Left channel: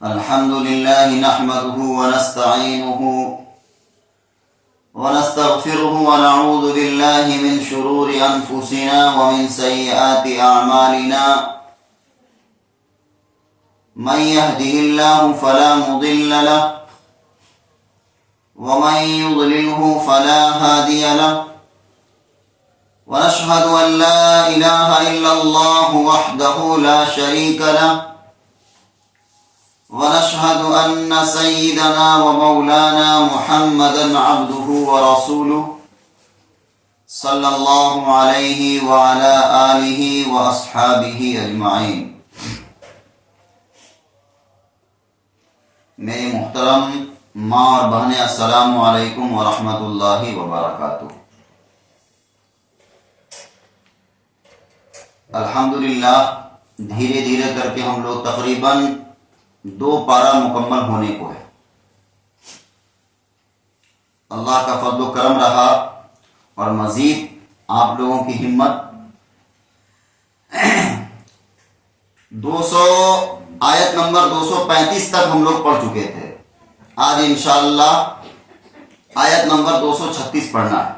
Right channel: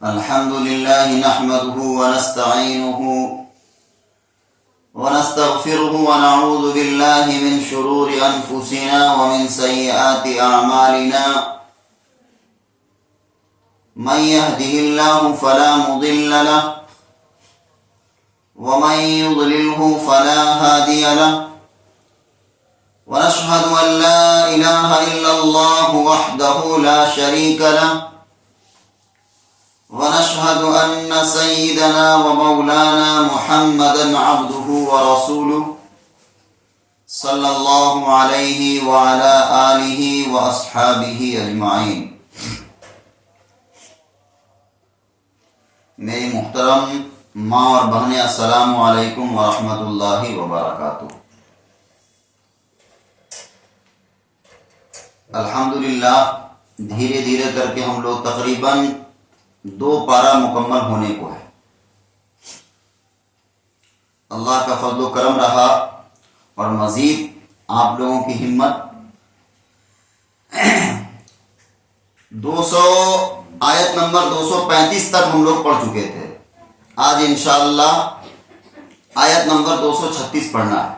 الحمد لله نحمده ونستعينه ونستغفره ونعوذ بالله من شرور أنفسنا ومن سيئات أعمالنا من يهده الله فلا مضل له ومن يضلله فلا هادي له ونشهد أن لا إله إلا الله وحده لا شريك له ونشهد أن سيدنا ومولانا محمدا عبده ورسوله صلى الله عليه وعلى آله وأصحابه أجمعين. میری محترم ماں اور بہنیں، السلام علیکم ورحمۃ اللہ وبرکاتہ. الحمدللہ دھیرے دھیرے کر کے ہم لوگ تقریباً 2 پارہ مکمل ہونے کو ہے. اللہ کا فضل و کرم رہا اور مزید آپ لوگوں کی ہمت. 200 آیت نمبر 235 تک ہم لوگ پڑھ چکے تھے. آج انشاءاللہ آیت نمبر 236 پڑھنا ہے.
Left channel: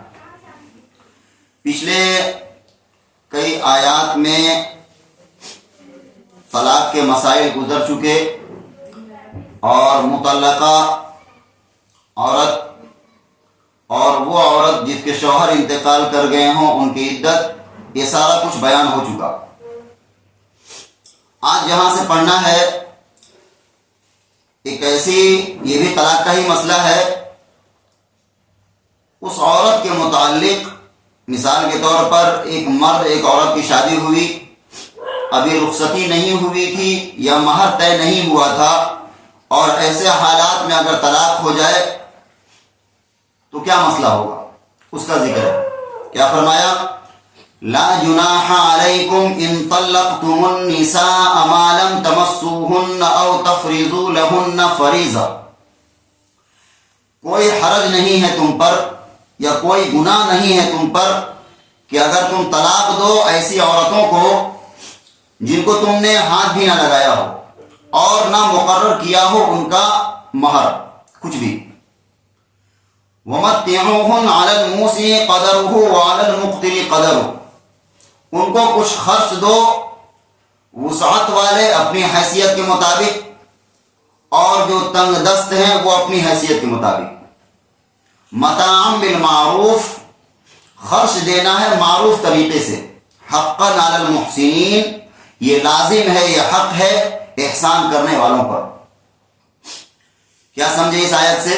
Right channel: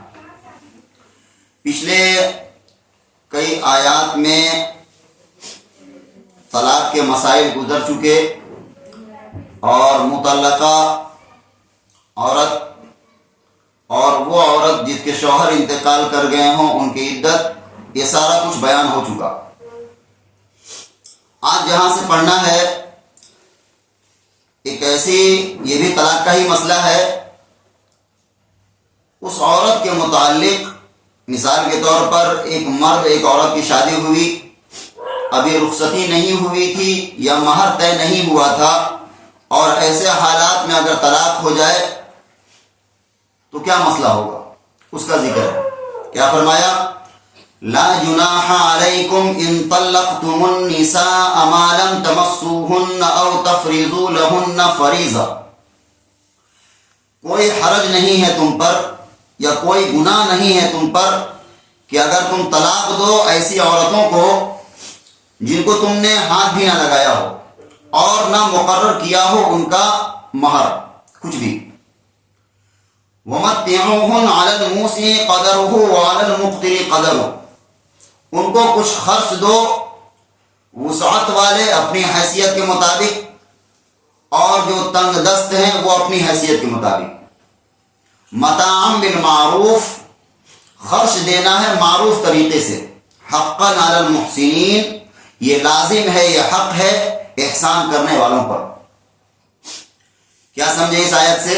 پچھلے کئی آیات میں طلاق کے مسائل گزر چکے اور مطلقہ عورت اور وہ عورت جس کے شوہر انتقال کر گئے ہوں ان کی عدت، یہ سارا کچھ بیان ہو چکا. آج جہاں سے پڑھنا ہے ایک ایسی، یہ بھی طلاق کا ہی مسئلہ ہے. اس عورت کے متعلق مثال کے طور پر ایک مرد ایک عورت کی شادی ہوئی، ابھی رخصتی نہیں ہوئی تھی یا مہر طے نہیں ہوا تھا، اور ایسے حالات میں اگر طلاق ہو جائے تو کیا مسئلہ ہوگا، اس کا ذکر ہے. کیا فرمایا؟ لا جناح علیکم ان طلقتم النساء ما لم تمسوهن او تفرضوا لهن فریضہ. کوئی حرج نہیں ہے تم پر یا کوئی گناہ نہیں ہے تم پر کہ اگر تم طلاق دو ایسی عورتوں کو جن کو تم نے ہاتھ بھی نہ لگایا ہو اور نہ مقرر کیا ہو ان کا مہر کچھ بھی. وَمَتِّعُوهُنَّ عَلَى الْمُوسِعِ قَدَرُهُ وَعَلَى الْمُقْتِرِ قَدَرُهُ. ان کو کچھ خرچ دو وسعت والے اپنی حیثیت کے مطابق، اور جو تنگ دست ہیں وہ اپنی حیثیت کے مطابق. متاعًا بالمعروف، خرچ دینا ہے معروف طریقے سے. حقاً علی المحسنین، یہ لازم ہے، یہ حق ہے احسان کرنے والوں پر. کیا سمجھے اس آیت سے؟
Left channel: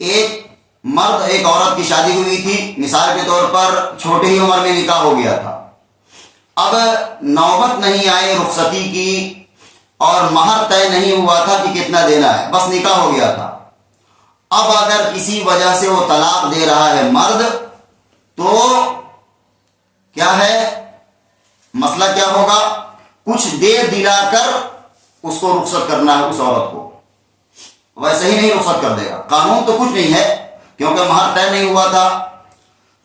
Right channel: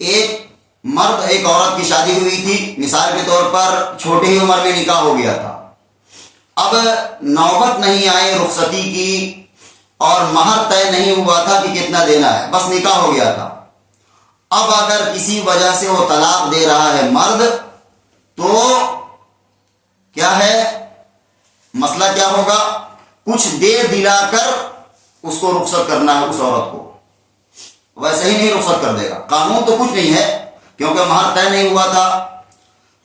ایک مرد ایک عورت کی شادی ہوئی تھی، مثال کے طور پر چھوٹی ہی عمر میں نکاح ہو گیا تھا. اب نوبت نہیں آئی رخصتی کی اور مہر طے نہیں ہوا تھا کہ کتنا دینا ہے، بس نکاح ہو گیا تھا. اب اگر کسی وجہ سے وہ طلاق دے رہا ہے مرد، تو کیا ہے مسئلہ؟ کیا ہوگا؟ کچھ دے دلا کر اس کو رخصت کرنا ہے. اس عورت کو ویسے ہی نہیں رخصت کر دے گا. قانون تو کچھ نہیں ہے کیونکہ مہر طے نہیں ہوا تھا،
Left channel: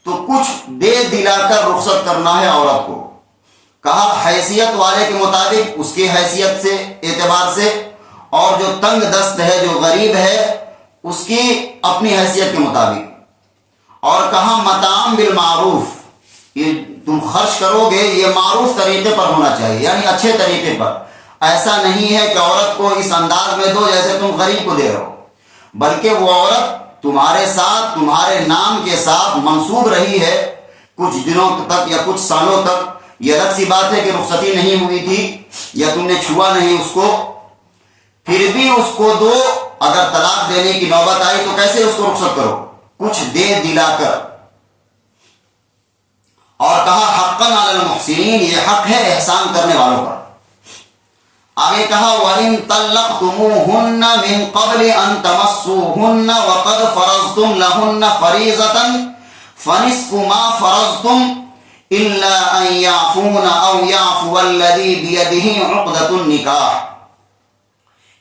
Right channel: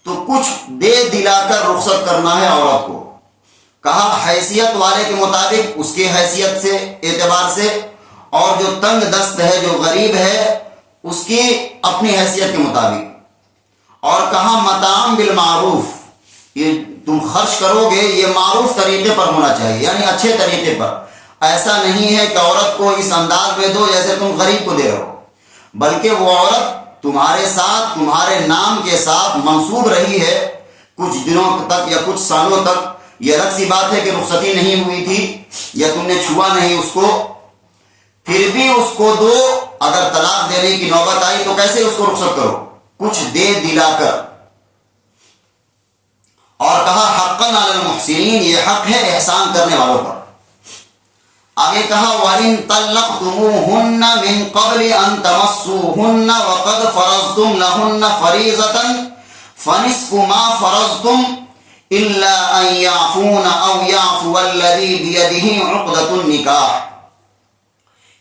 تو کچھ دے دلا کر رخصت کرنا ہے عورت کو. کہا حیثیت والے کے مطابق، اس کی حیثیت سے اعتبار سے، اور جو تنگ دست ہے جو غریب ہے اس کی اپنی حیثیت کے مطابق. اور کہا متاعًا بالمعروف، یہ تم خرچ کرو گے یہ معروف طریقے پر ہونا چاہیے، یعنی اچھے طریقے پر. ایسا نہیں ہے کہ عورت کو اس انداز میں دو جیسے تم غریب کو دے رہے ہو، بلکہ وہ عورت تمہارے ساتھ تمہارے نام کے ساتھ منسوب رہی ہے کچھ دنوں تک یا کچھ سالوں تک. یہ الگ سی بات ہے کہ رخصتی نہیں ہوئی تھی یا تم نے چھوا نہیں اس کو، پھر بھی اس کو دو. اگر طلاق دینے کی نوبت آئی تو کیسے اس کو رخصت کرو؟ کچھ دے دلا کر. اور کہا حقاً علی المحسنین، یہ حق ہے احسان کرنے والوں پر. آگے کہا وَإِن طَلَّقْتُمُوهُنَّ مِن قَبْلِ أَن تَمَسُّوهُنَّ وَقَدْ فَرَضْتُمْ لَهُنَّ فَرِيضَةً فَنِصْفُ مَا فَرَضْتُمْ إِلَّا أَن يَعْفُونَ أَوْ يَعْفُوَ الَّذِي بِيَدِهِ عُقْدَةُ النِّكَاحِ.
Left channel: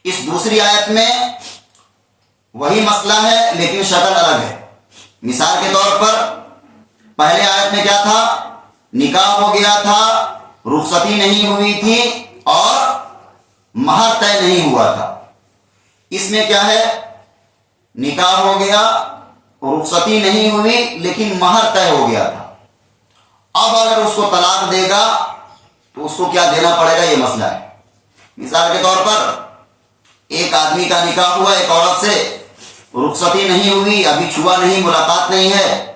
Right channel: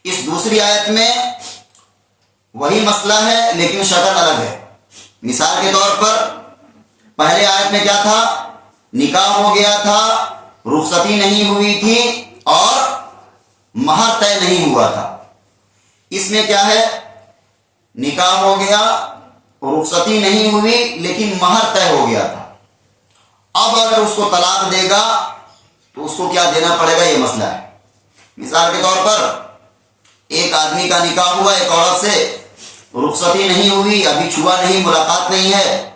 اس دوسری آیت میں وہی مسئلہ ہے لیکن شکل الگ ہے. مثال کے طور پر پہلے آیت میں کیا تھا؟ نکاح ہو گیا تھا، رخصتی نہیں ہوئی تھی اور مہر طے نہیں ہوا تھا. اس میں کیا ہے؟ نکاح ہو گیا، رخصتی نہیں ہوئی، لیکن مہر طے ہو گیا تھا. اب اگر اس کو طلاق دے گا تو اس کو کیا دینا پڑے گا، یہ مسئلہ ہے. مثال کے طور پر ایک آدمی کا نکاح ہوا ایک عورت سے، رخصتی نہیں ہوئی، ابھی چھوا نہیں، ملاقات نہیں ہے،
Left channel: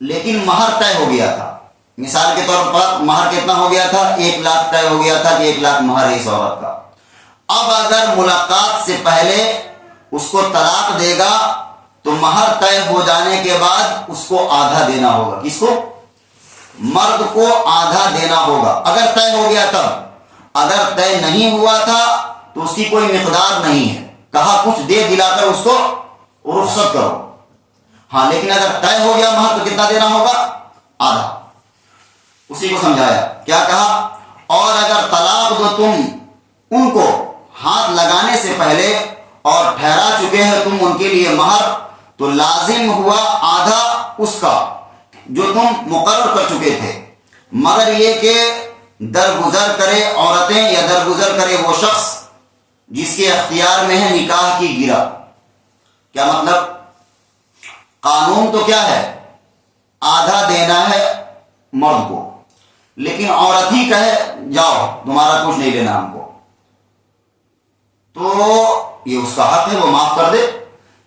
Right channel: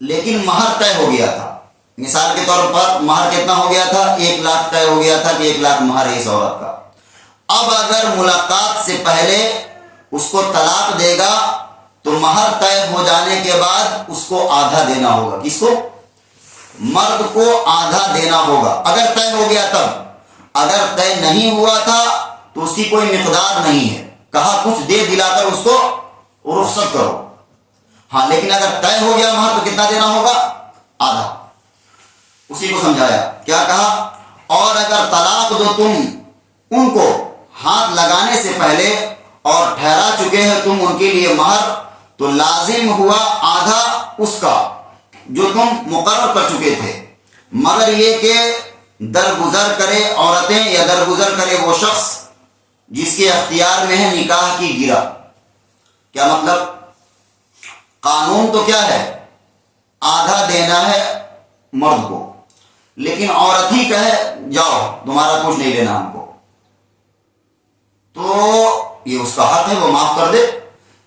لیکن مہر طے ہو گیا تھا. مثال کے طور پر مہر کتنا ہو گیا تھا؟ 1,00,000 طے ہو گیا تھا کہ 1,00,000 مہر ہے اس عورت کا. اب اگر ملاقات سے پہلے اس کو طلاق دے گا تو مہر طے ہو جانے کے بعد اس کو آدھا دینا ہوگا. کس کو؟ مرد کو آدھا دینا ہوگا اگر طے ہو گیا تب. اگر طے نہیں ہوا تھا تو اس کی کوئی مقدار نہیں ہے، کہا کچھ دے دلا کر اس کو رخصت کرو. ہاں لیکن اگر طے ہو گیا مہر تو کتنا دینا ہوگا؟ آدھا. اسی کو سمجھایا. کیا کہا؟ اور اگر طلاق دو تم ان کو ہاتھ لگانے سے پہلے اور ٹھہرا چکے ہیں تم ان کے لیے مہر، تو لازم ہوا آدھا اس کا جو تم مقرر کر چکے تھے، مگر یہ کہ درگزر کرے عورتیں یا درگزر کرے وہ شخص جس کے اختیار میں ہے نکاح کی گرہ. کیا مطلب؟ قانون تو کیا ہے؟ آدھا دینا ہے مرد کو، لیکن عورت ہی کہے جاؤ تمہارا کچھ نہیں لینا ہم کو، تو یہ اس کا حق ہے، وہ معاف کر دے.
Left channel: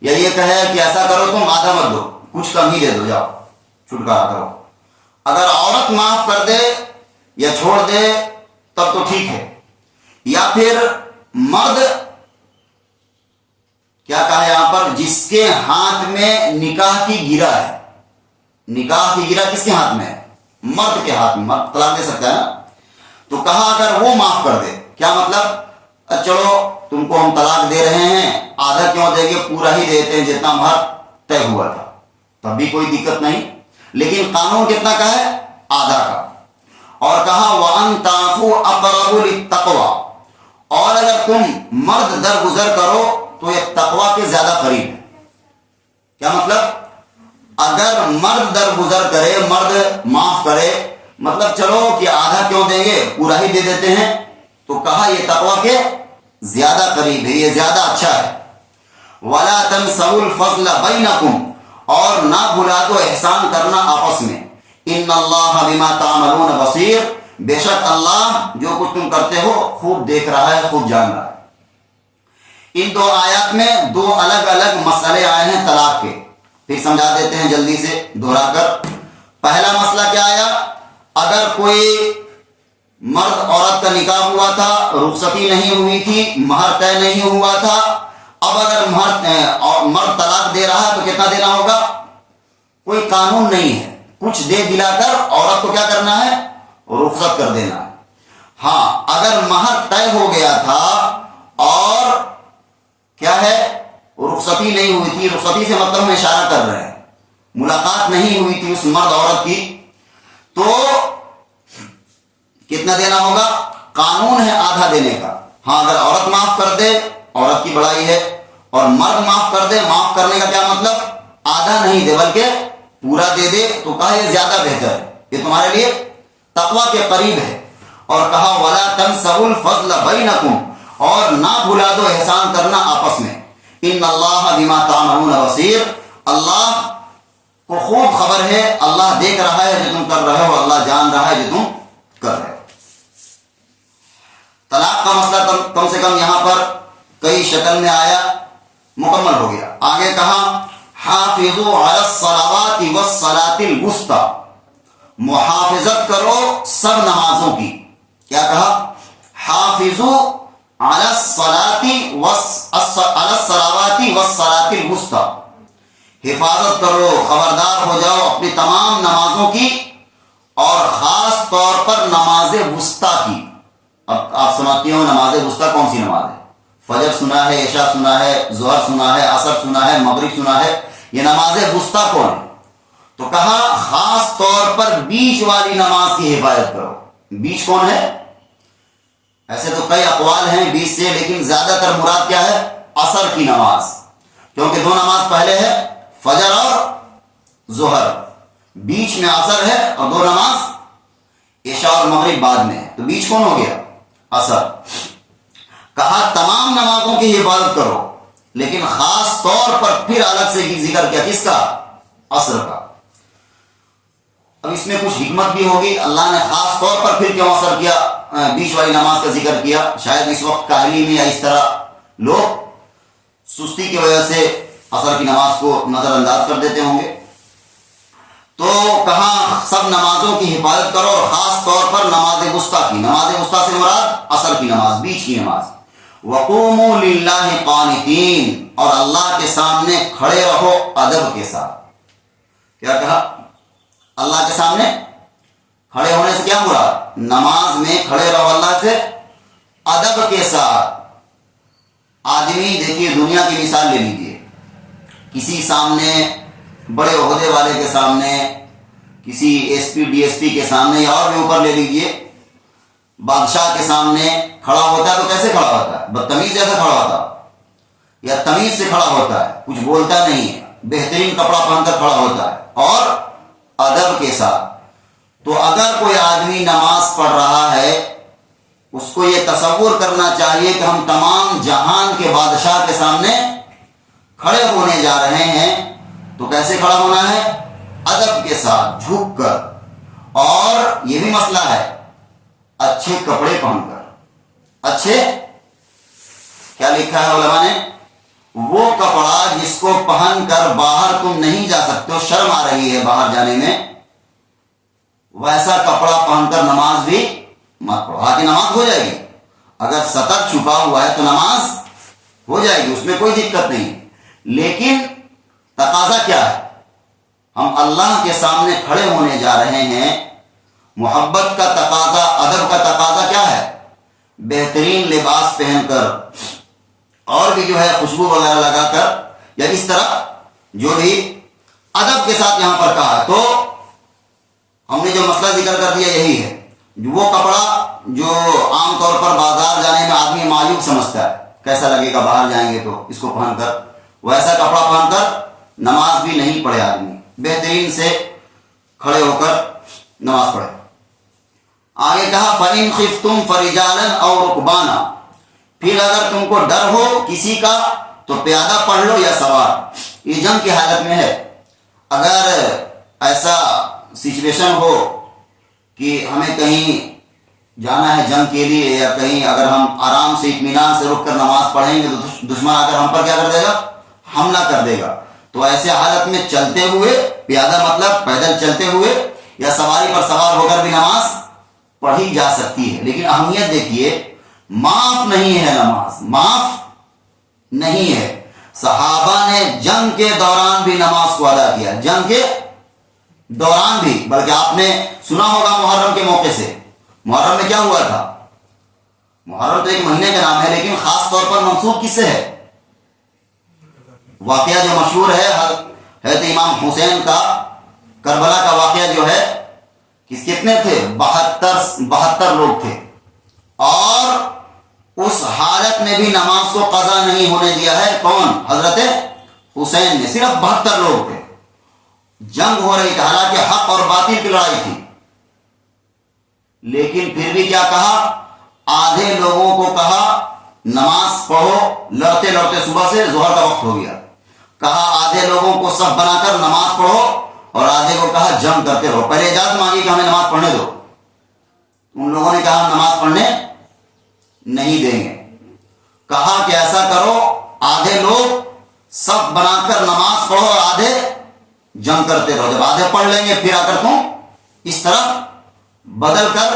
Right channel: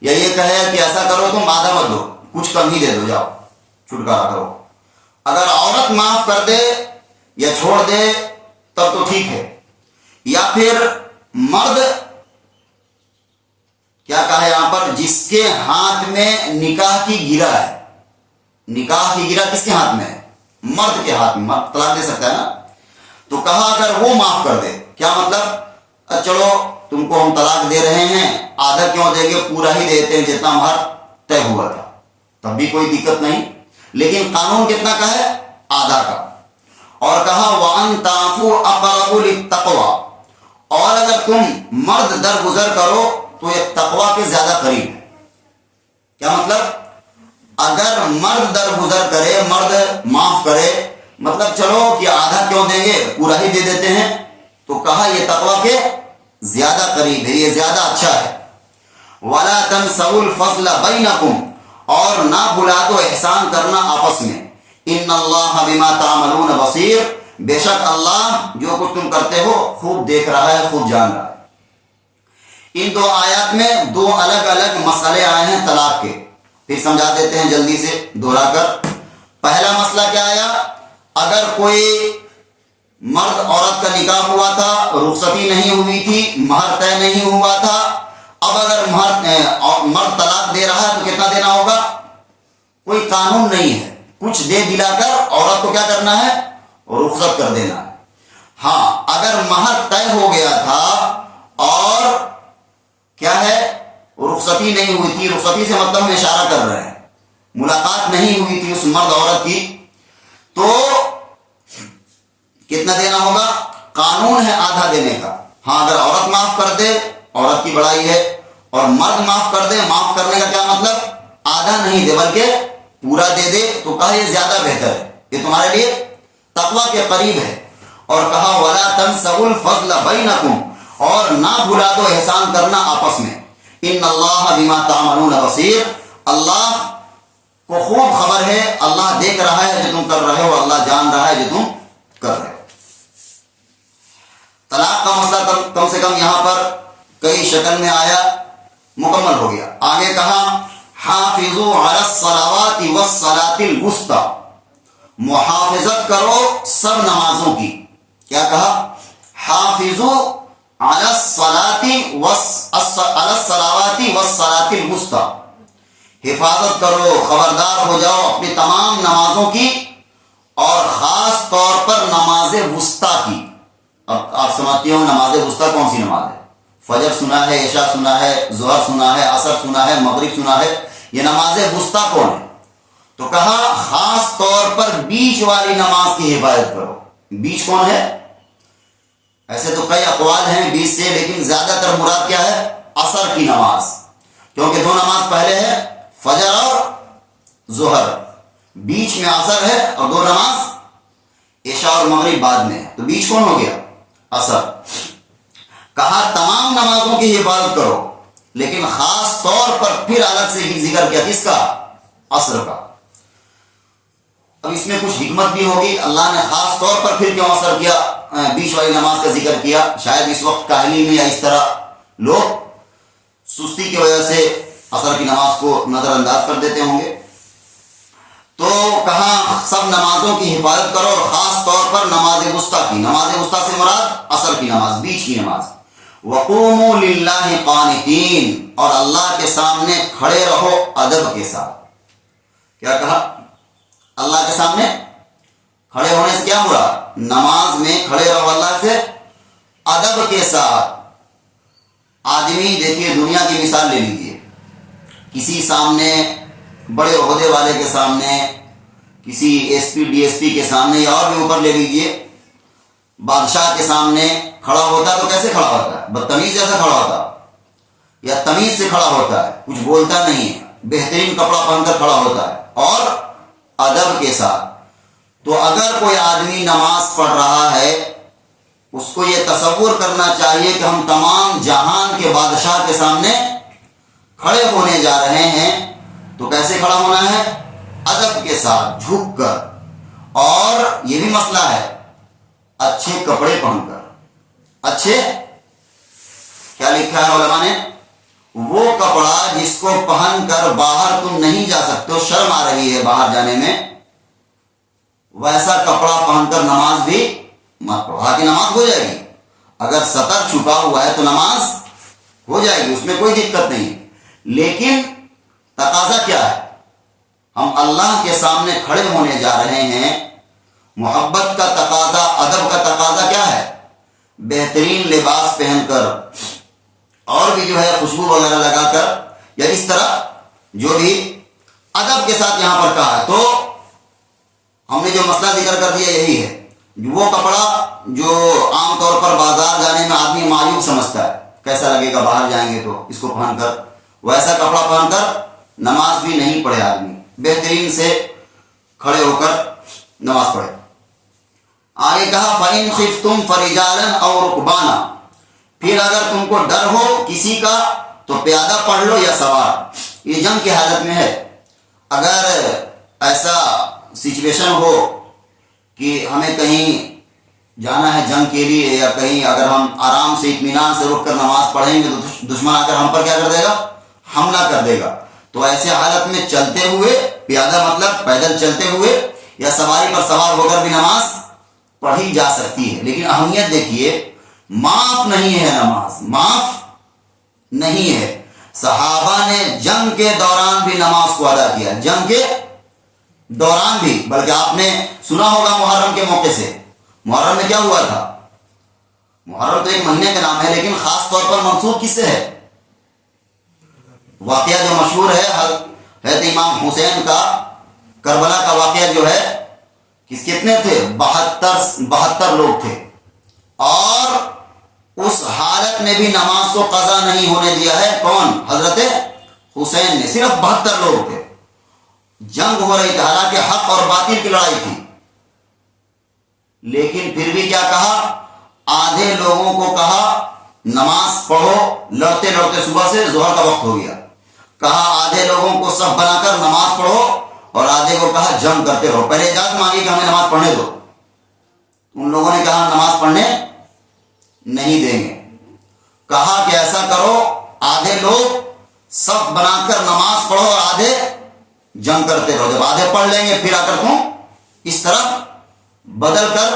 یا یہ کہے کہ ایسا کرو تم آدھا مت دو، کچھ کم ہی دے دو، جاؤ چھٹکارا کرو. اگر عورت معاف کر دے یا چھوڑ دے تب تو ٹھیک ہے. یا پھر مرد کیا کہا یہاں پر؟ جس کے ہاتھ میں نکاح کی گرہ ہے. نکاح کی گرہ کس کے ہاتھ میں ہے؟ مرد کے ہاتھ میں. مرد طلاق دے سکتا ہے نا. تو کہا اگر وہ معاف کر دے. کیا مطلب؟ چلو تم کو ہم طلاق دے رہے ہیں، آدھا کیوں دیں گے، پورا ہی دیتے ہیں جتنا مہر طے ہوا تھا، تب بھی کوئی دقت نہیں. لیکن قانون کتنا کا ہے؟ آدھا کا. اور کہا وَأَن تَعْفُوا أَقْرَبُ لِلتَّقْوَىٰ، اور اگر تم مرد درگزر کرو تو یہ تقوی کے زیادہ قریب ہے. کیا مطلب؟ اگر مرد درگزر کرے، مرد معاف کرے، مطلب چلو کہ آدھا کیوں دیں گے، پورا ہی دے دیتے ہیں، تو کہا یہ تقوی کے زیادہ قریب ہے، یہ زیادہ اچھا ہے. وَلَا تَنْسَوُا الْفَضْلَ بَيْنَكُمْ، اور نہ بھلا دو احسان کرنا آپس میں. ان اللہ بما تعملون بصیر، بے شک اللہ جو کچھ تم کرتے ہو خوب دیکھ رہا ہے، خوب جان رہا ہے. ان دو آیات میں دو الگ الگ مسئلے آئے ہیں طلاق کے، پھر سمجھا دیتے ہیں جلدی سے دوہرا کر. پہلا مسئلہ کیا آیا؟ اگر کوئی مرد عورت کا نکاح ہوا تھا، رخصتی نہیں ہوئی تھی، مہر طے نہیں ہوا تھا. اب اگر مرد طلاق دے رہا ہے تو کتنا دینا ہوگا؟ کوئی قانون نہیں ہے، کچھ دے دلا کر عورت کو کیا کرنا ہے؟ رخصت کر دینا. ہاں اگر مہر طے ہو گیا تھا اور کیا ہے، رخصتی نہیں ہوئی تھی، رخصتی سے مطلب ہم اشارہ کر رہے ہیں ملاقات نہیں ہوئی تھی اس مرد عورت کی، تو کتنا دینا ہوگا؟ قانون ہے آدھا دینے کا. ہاں اگر عورت معاف کر دے عورت کی بڑائی ہے، اور مرد معاف کر دے، معاف کرنے کا کیا مطلب؟ آدھا نہیں دے بلکہ پورا دے دے، تو کہا یہ زیادہ بہتر ہے، یہ تمہارے لیے تقوی کے قریب ہے. اور کہا وَلَا تَنْسَوُا الْفَضْلَ بَيْنَكُمْ، اور نہ بھلا دو احسان کرنا آپس میں. ان اللہ بما تعملون بصیر، اللہ کو خوب خبر ہے، اللہ دیکھ رہا ہے جو تم کر رہے ہو، اللہ جان رہا ہے جو تم کر رہے ہو. طلاق کا مسئلہ کم سے کم یہاں پر کئی شکل میں آیا، مکمل ہو گیا. آگے کہا حافظوا علی الصلوات والصلاة الوسطی، محافظت کرو سب نمازوں کی. کیا کہا؟ حافظوا علی الصلوات والصلاة الوسطی، حفاظت کرو، خبردار ہو جاؤ اپنی تمام نمازوں کی، اور خاص طور پر نماز وسطی کی. اب آپ سمجھتے ہو نماز وسطی کون سی نماز ہے؟ فجر سنا ہے، عشاء سنا ہے، ظہر سنا ہے، عصر سنا ہے، مغرب سنا ہے، یہ نماز وسطی کون ہے؟ تو کہا خاص طور پر بیچ والی نماز کی حفاظت کرو. بیچ کون ہے؟ ایسے تو کئی اقوال ہیں بیچ سے، لیکن زیادہ تر مراد کیا ہے؟ عصر کی نماز، کیونکہ دو نماز پہلے ہے فجر اور ظہر، بیچ میں عصر ہے، اور دو نماز عشاء اور مغرب بعد میں، تو بیچ کون ہو گیا؟ عصر. کہا تمام نمازوں کی حفاظت کرو، لیکن خاص طور پر پھر الگ سے ذکر کیا، کس کا؟ عصر کا۔ اب اس میں کچھ حکمت بھی ہوگی، اللہ نے خاص طور پر پھر کیوں عصر کیا، بیچ والی نماز کا ذکر کیا؟ شاید اس وقت کاہلی میں یا اس طرح لوگ سستی کی وجہ سے عصر کی نماز کو نظر انداز کر دیتے ہوں گے۔ تو کہاں سب نمازوں کی حفاظت کرو، اور خاص طور پر نماز وسطیٰ کی۔ نماز وسطیٰ سے مراد عصر کی نماز، بیچ کی نماز۔ وقوموا للہ قانتین، اور اللہ کے سامنے کھڑے رہو ادب کے ساتھ۔ کیا کہا؟ اللہ کے سامنے کھڑے ہونے سے کیا مراد؟ نماز میں کھڑے رہو اللہ سے ادب کے ساتھ۔ آدمی دیکھیے، دنیا کی مثال لے لیجیے، کسی سامنے بڑے عہدے والے کے سامنے، کسی S P D S P کے سامنے، یا اور بھی اوپر لے لیجیے، بادشاہ کے سامنے کھڑا ہوتا ہے تو کیسے کھڑا ہوتا ہے؟ بدتمیز جیسا کھڑا ہوتا ہے، یا تمیز سے کھڑا ہوتا ہے، کچھ بولتا نہیں ہے، بہترین کپڑا پہن کر کھڑا ہوتا ہے، اور ادب کے ساتھ۔ تو اگر کوئی آدمی نماز پڑھ رہا ہے، اس کو یہ تصور کرنا چاہیے کہ ہم تمام جہان کے بادشاہ کے سامنے کھڑے ہونے جا رہے ہیں، تو کیسے کھڑا ہونا ہے؟ ادب کے ساتھ، جھک کر۔ اور یہ بھی مسئلہ ہے اچھے کپڑے پہن کر۔ اچھے کیا لکھا ہے علماء نے؟ وہ کپڑا جس کو پہن کر باہر تم نہیں جا سکتے ہو، شرم آ رہی ہے باہر جانے میں، ویسا کپڑا پہن کر نماز بھی مت پڑھو۔ ہاں، نماز ہو جائے گی، اگر سطر چھپا ہوا ہے تو نماز ہو جائے گی، اس میں کوئی دقت نہیں، لیکن تقاضا کیا ہے؟ ہم اللہ کے سامنے کھڑے ہونے جا رہے ہیں، محبت کا تقاضا، ادب کا تقاضا کیا ہے؟ بہترین لباس پہن کر، اور بھی جو ہے خوشبو وغیرہ لگا کر، یا اس طرح جو بھی ادب کے ساتھ یہاں پر کہا ہے۔ تو ہم نے جو مسئلہ ذکر کر دیا یہی ہے، وہ کپڑا جو عام طور پر بازار جانے میں آدمی معیوب سمجھتا ہے، کیسا لگے گا باہر جائیں گے تو اس کو پہن کر، ویسا کپڑا پہن کر نماز بھی نہیں پڑھے آدمی، بہترین سے کھڑے ہو کر نماز پڑھے۔ آگے کہا فَإِنْ خِفْتُمْ فَرِجَالًا أَوْ رُكْبَانًا، پھر اگر تم کو ڈر ہو کسی کا تو پیادہ پڑھ لو یا سوار۔ یہ جنگ کی حالت میں ہے، اگر ایسا سچویشن ہو کہ ہمیں کہیں جانا ہے جنگ کے لیے، یا کہیں اگر ہم آرام سے اطمینان سے رک کر نماز پڑھیں گے تو دشمن آ کر ہم پر کیا کر دے گا؟ حملہ کر دے گا، تو ایسے حالت میں چلتے ہوئے، پیادہ مطلب پیدل چلتے ہوئے یا سواری پر سوار ہو کر بھی نماز پڑھی جا سکتی ہے۔ لیکن اہمیت دیکھیے، معاف نہیں ہے نماز، معاف نہیں ہے۔ صحابہ نے جنگ کے دوران بھی نماز کو ادا کیا، جنگ کے دوران بھی، بلکہ آپ نے سنا ہوگا محرم کے موقع سے، محرم میں کیا ہوا تھا؟ محرم تو ایک مہینے کا نام ہے، لیکن خاص طور پر منسوب کس سے ہے؟ واقعہ جو مشہور ہے حضرت امام حسین کا، کربلا کا واقعہ جو ہے، کتنے تھے؟ 72 لوگ تھے، اور اس حالت میں بھی نماز کو قضا نہیں ہونے دیا ہے۔ کون؟ حضرت حسین نے۔ صرف 72 لوگ تھے، جنگ ہو رہی تھی، حالانکہ حق اور باطل کی لڑائی تھی، لیکن پھر بھی کیا کہا؟ آدھے لوگوں کو کہا نماز پڑھو، لڑتے لڑتے صبح سے ظہر کا وقت ہو گیا، کہا آدھے لوگوں کو صف بنا کر نماز پڑھو، اور آدھے کو کہا جنگ کرتے رہو۔ پہلے اجازت مانگی کہ ہمیں نماز پڑھنے دو، ان لوگوں نے کہا ہم نماز پڑھنے نہیں دیں گے۔ کہا کہ ایسا کرو، آدھے لوگ صف بنا کر نماز پڑھو اور آدھے جنگ کرتے رہو، جب آدھے پڑھ لیں گے پھر آ کر تم اس طرح بدل کر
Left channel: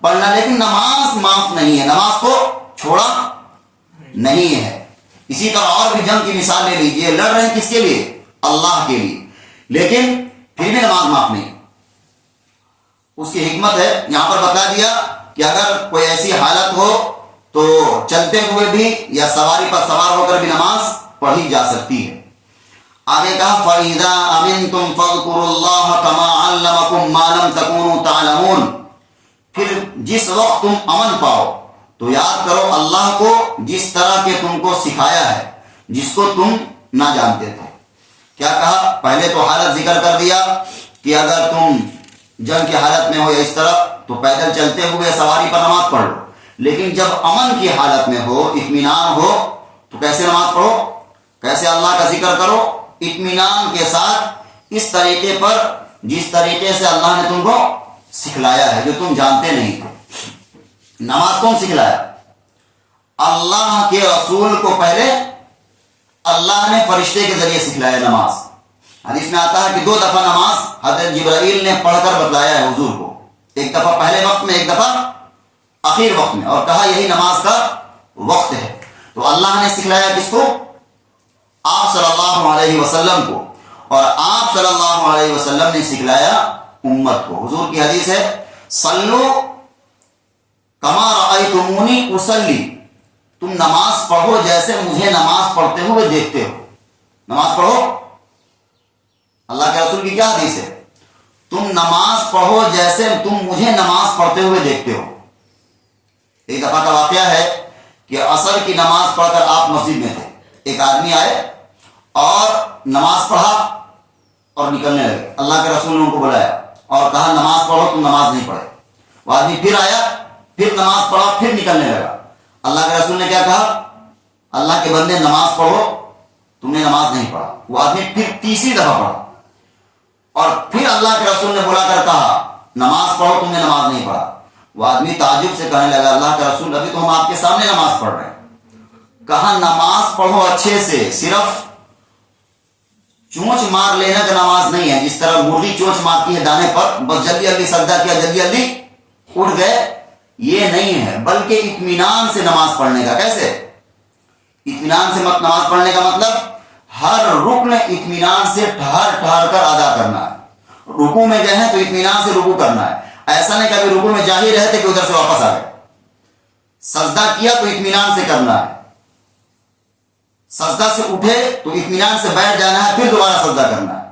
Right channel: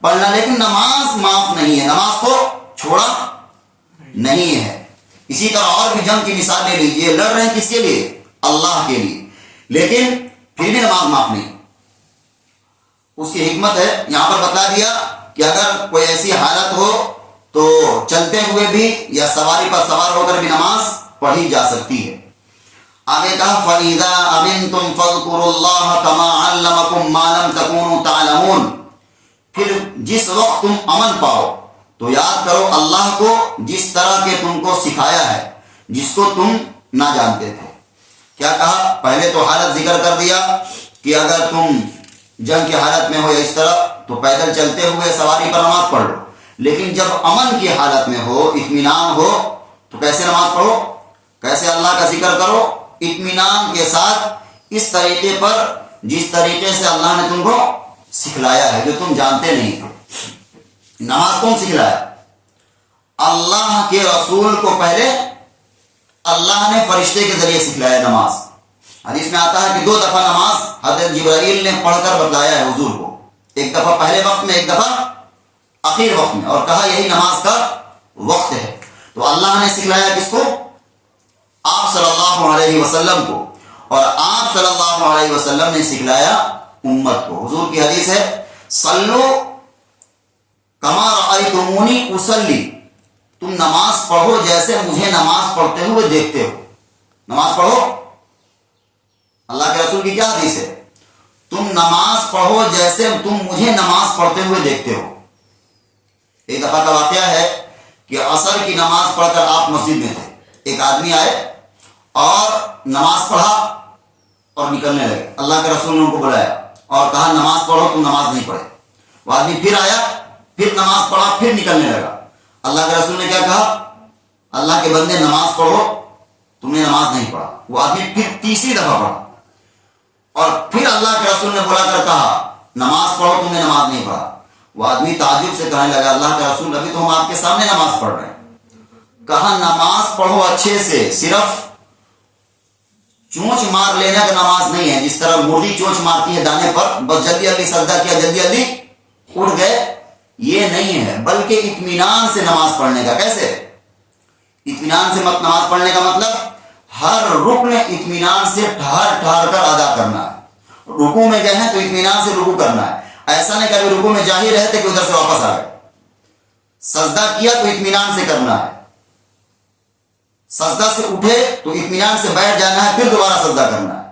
پڑھنا، لیکن نماز معاف نہیں ہے، نماز کو چھوڑا نہیں ہے۔ اسی طرح اور بھی جنگ کی مثال لے لیجئے، لڑ رہے ہیں کس کے لیے؟ اللہ کے لیے، لیکن پھر بھی نماز معاف نہیں۔ اس کی حکمت ہے، یہاں پر بتا دیا کہ اگر کوئی ایسی حالت ہو تو چلتے ہوئے بھی یا سواری پر سوار ہو کر بھی نماز پڑھی جا سکتی ہے۔ آگے کہا فَإِذَا أَمِنْتُمْ فَاذْكُرُوا اللَّهَ كَمَا عَلَّمَكُمْ مَا لَمْ تَكُونُوا تَعْلَمُونَ، پھر جس وقت تم امن پاؤ تو یاد کرو اللہ کو جس طرح کہ تم کو سکھایا ہے، جس کو تم نہ جانتے تھے۔ کیا کہا؟ پہلے تو حالت ذکر کر دیا کہ اگر تم جنگ کی حالت میں ہو یا اس طرح تو پیدل چلتے ہوئے سواری پر نماز پڑھ لو، لیکن جب امن کی حالت میں ہو، اطمینان ہو، تو کیسے نماز پڑھو، کیسے اللہ کا ذکر کرو؟ اطمینان کے ساتھ، اس طریقے پر جس طریقے سے اللہ نے تم کو سکھلایا ہے، جو تم جانتے نہیں تھے۔ نماز کون سکھلایا؟ اللہ کے رسول کو پہلے اللہ نے فرشتے کے ذریعے سکھلایا نماز۔ حدیث میں آتا ہے کہ 2 دفعہ نماز حضرت جبرائیل نے پڑھ کر بتلایا ہے حضور کو، ایک دفعہ پہلے وقت میں، ایک دفعہ آخر وقت میں، اور کہا یہی نماز کا وقت ہے۔ تو اللہ نے سکھلایا کس کو؟ آپ صلی اللہ علیہ وسلم کو، اور آپ صلی اللہ علیہ وسلم نے سکھلایا امت کو۔ حضور کی حدیث ہے، صلو کما رأیتمونی اصلی، تم نماز پڑھو جیسے مجھے نماز پڑھتے ہوئے دیکھتے ہو۔ نماز پڑھو، اللہ کے رسول کی کیا حدیث ہے؟ تم نماز پڑھو جیسے تم مجھے نماز پڑھتے ہوئے دیکھتے ہو۔ ایک دفعہ کا واقعہ ہے کہ عصر کی نماز پڑھ کر آپ مسجد میں تھے، ایک آدمی آئے اور نماز پڑھا اور نکلنے لگے۔ اللہ کے رسول نے ان کو بلایا اور کہا نماز پڑھو، تم نماز نہیں پڑھے۔ وہ آدمی پھر آیا، پھر نماز پڑھا، پھر نکلنے لگا۔ اللہ کے رسول نے کیا کہا؟ اللہ کے بندے نماز پڑھو، تم نے نماز نہیں پڑھا۔ وہ آدمی پھر تیسری دفعہ پڑھا، اور پھر اللہ کے رسول نے بلا کر کہا نماز پڑھو، تم نے نماز نہیں پڑھا۔ وہ آدمی تعجب سے کہنے لگا اللہ کا رسول، ابھی تو ہم آپ کے سامنے نماز پڑھ رہے ہیں۔ کہا نماز پڑھو اچھے سے، صرف چونچ مار لینا کا نماز نہیں ہے، جس طرح مرغی چونچ مارتی ہے دانے پر، بس جلدی جلدی سجدہ کیا، جلدی جلدی اٹھ گئے، یہ نہیں ہے، بلکہ اطمینان سے نماز پڑھنے کا۔ کیسے اطمینان سے نماز پڑھنے کا مطلب ہر رکن اطمینان سے ٹھہر ٹھہر کر ادا کرنا ہے۔ رکوع میں گئے ہیں تو اطمینان سے رکوع کرنا ہے، ایسا نہیں کبھی رکوع میں جا ہی رہے تھے کہ ادھر سے واپس آ گئے۔ سجدہ کیا تو اطمینان سے کرنا ہے، سجدہ سے اٹھے تو اطمینان سے بیٹھ جانا ہے، پھر دوبارہ سجدہ کرنا ہے۔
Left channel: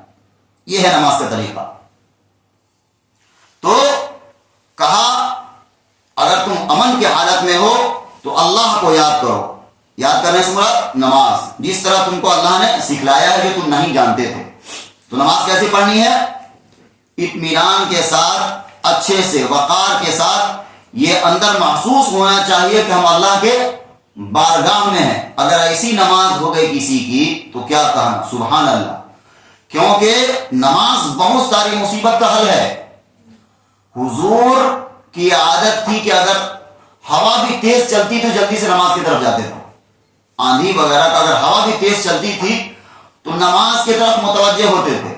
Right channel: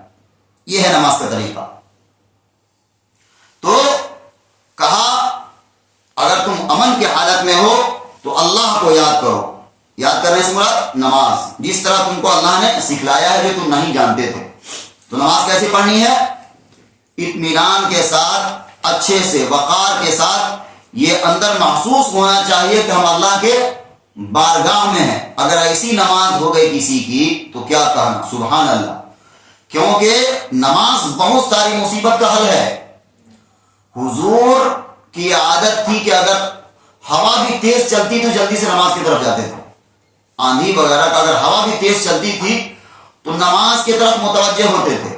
یہ ہے نماز کا طریقہ۔ تو کہا اگر تم امن کی حالت میں ہو تو اللہ کو یاد کرو۔ یاد کرنے سے مراد نماز، جس طرح تم کو اللہ نے سکھلایا ہے جو تم نہیں جانتے تھے۔ تو نماز کیسی پڑھنی ہے؟ اطمینان کے ساتھ، اچھے سے، وقار کے ساتھ۔ یہ اندر محسوس ہونا چاہیے کہ ہم اللہ کے بارگاہ میں ہیں۔ اگر ایسی نماز ہو گئی کسی کی تو کیا کہنا، سبحان اللہ، کیونکہ نماز بہت ساری مصیبت کا حل ہے۔ حضور کی عادت تھی کہ اگر ہوا بھی تیز چلتی تو جلدی سے نماز کی طرف جاتے تھے۔ آندھی وغیرہ کا اگر ہوا بھی تیز چلتی تھی تو نماز کی طرف متوجہ ہوتے تھے۔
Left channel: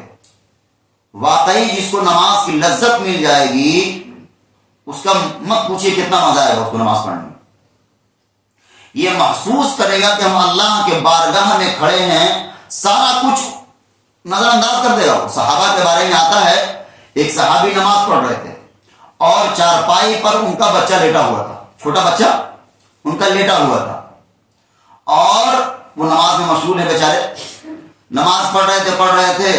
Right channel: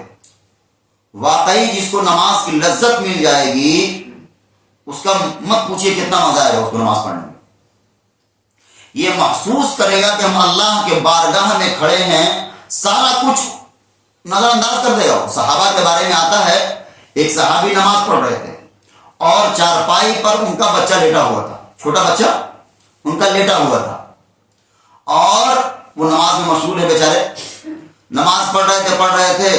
واقعی جس کو نماز کی لذت مل جائے گی اس کا مت پوچھئے کتنا مزہ آئے گا اس کو نماز پڑھنے میں۔ یہ محسوس کرے گا کہ ہم اللہ کے بارگاہ میں کھڑے ہیں، سارا کچھ نظر انداز کر دے گا۔ صحابہ کے بارے میں آتا ہے، ایک صحابی نماز پڑھ رہے تھے اور چارپائی پر ان کا بچہ لیٹا ہوا تھا، چھوٹا بچہ ان کا لیٹا ہوا تھا، اور وہ نماز میں مشغول ہے بیچارے، نماز پڑھ رہے تھے،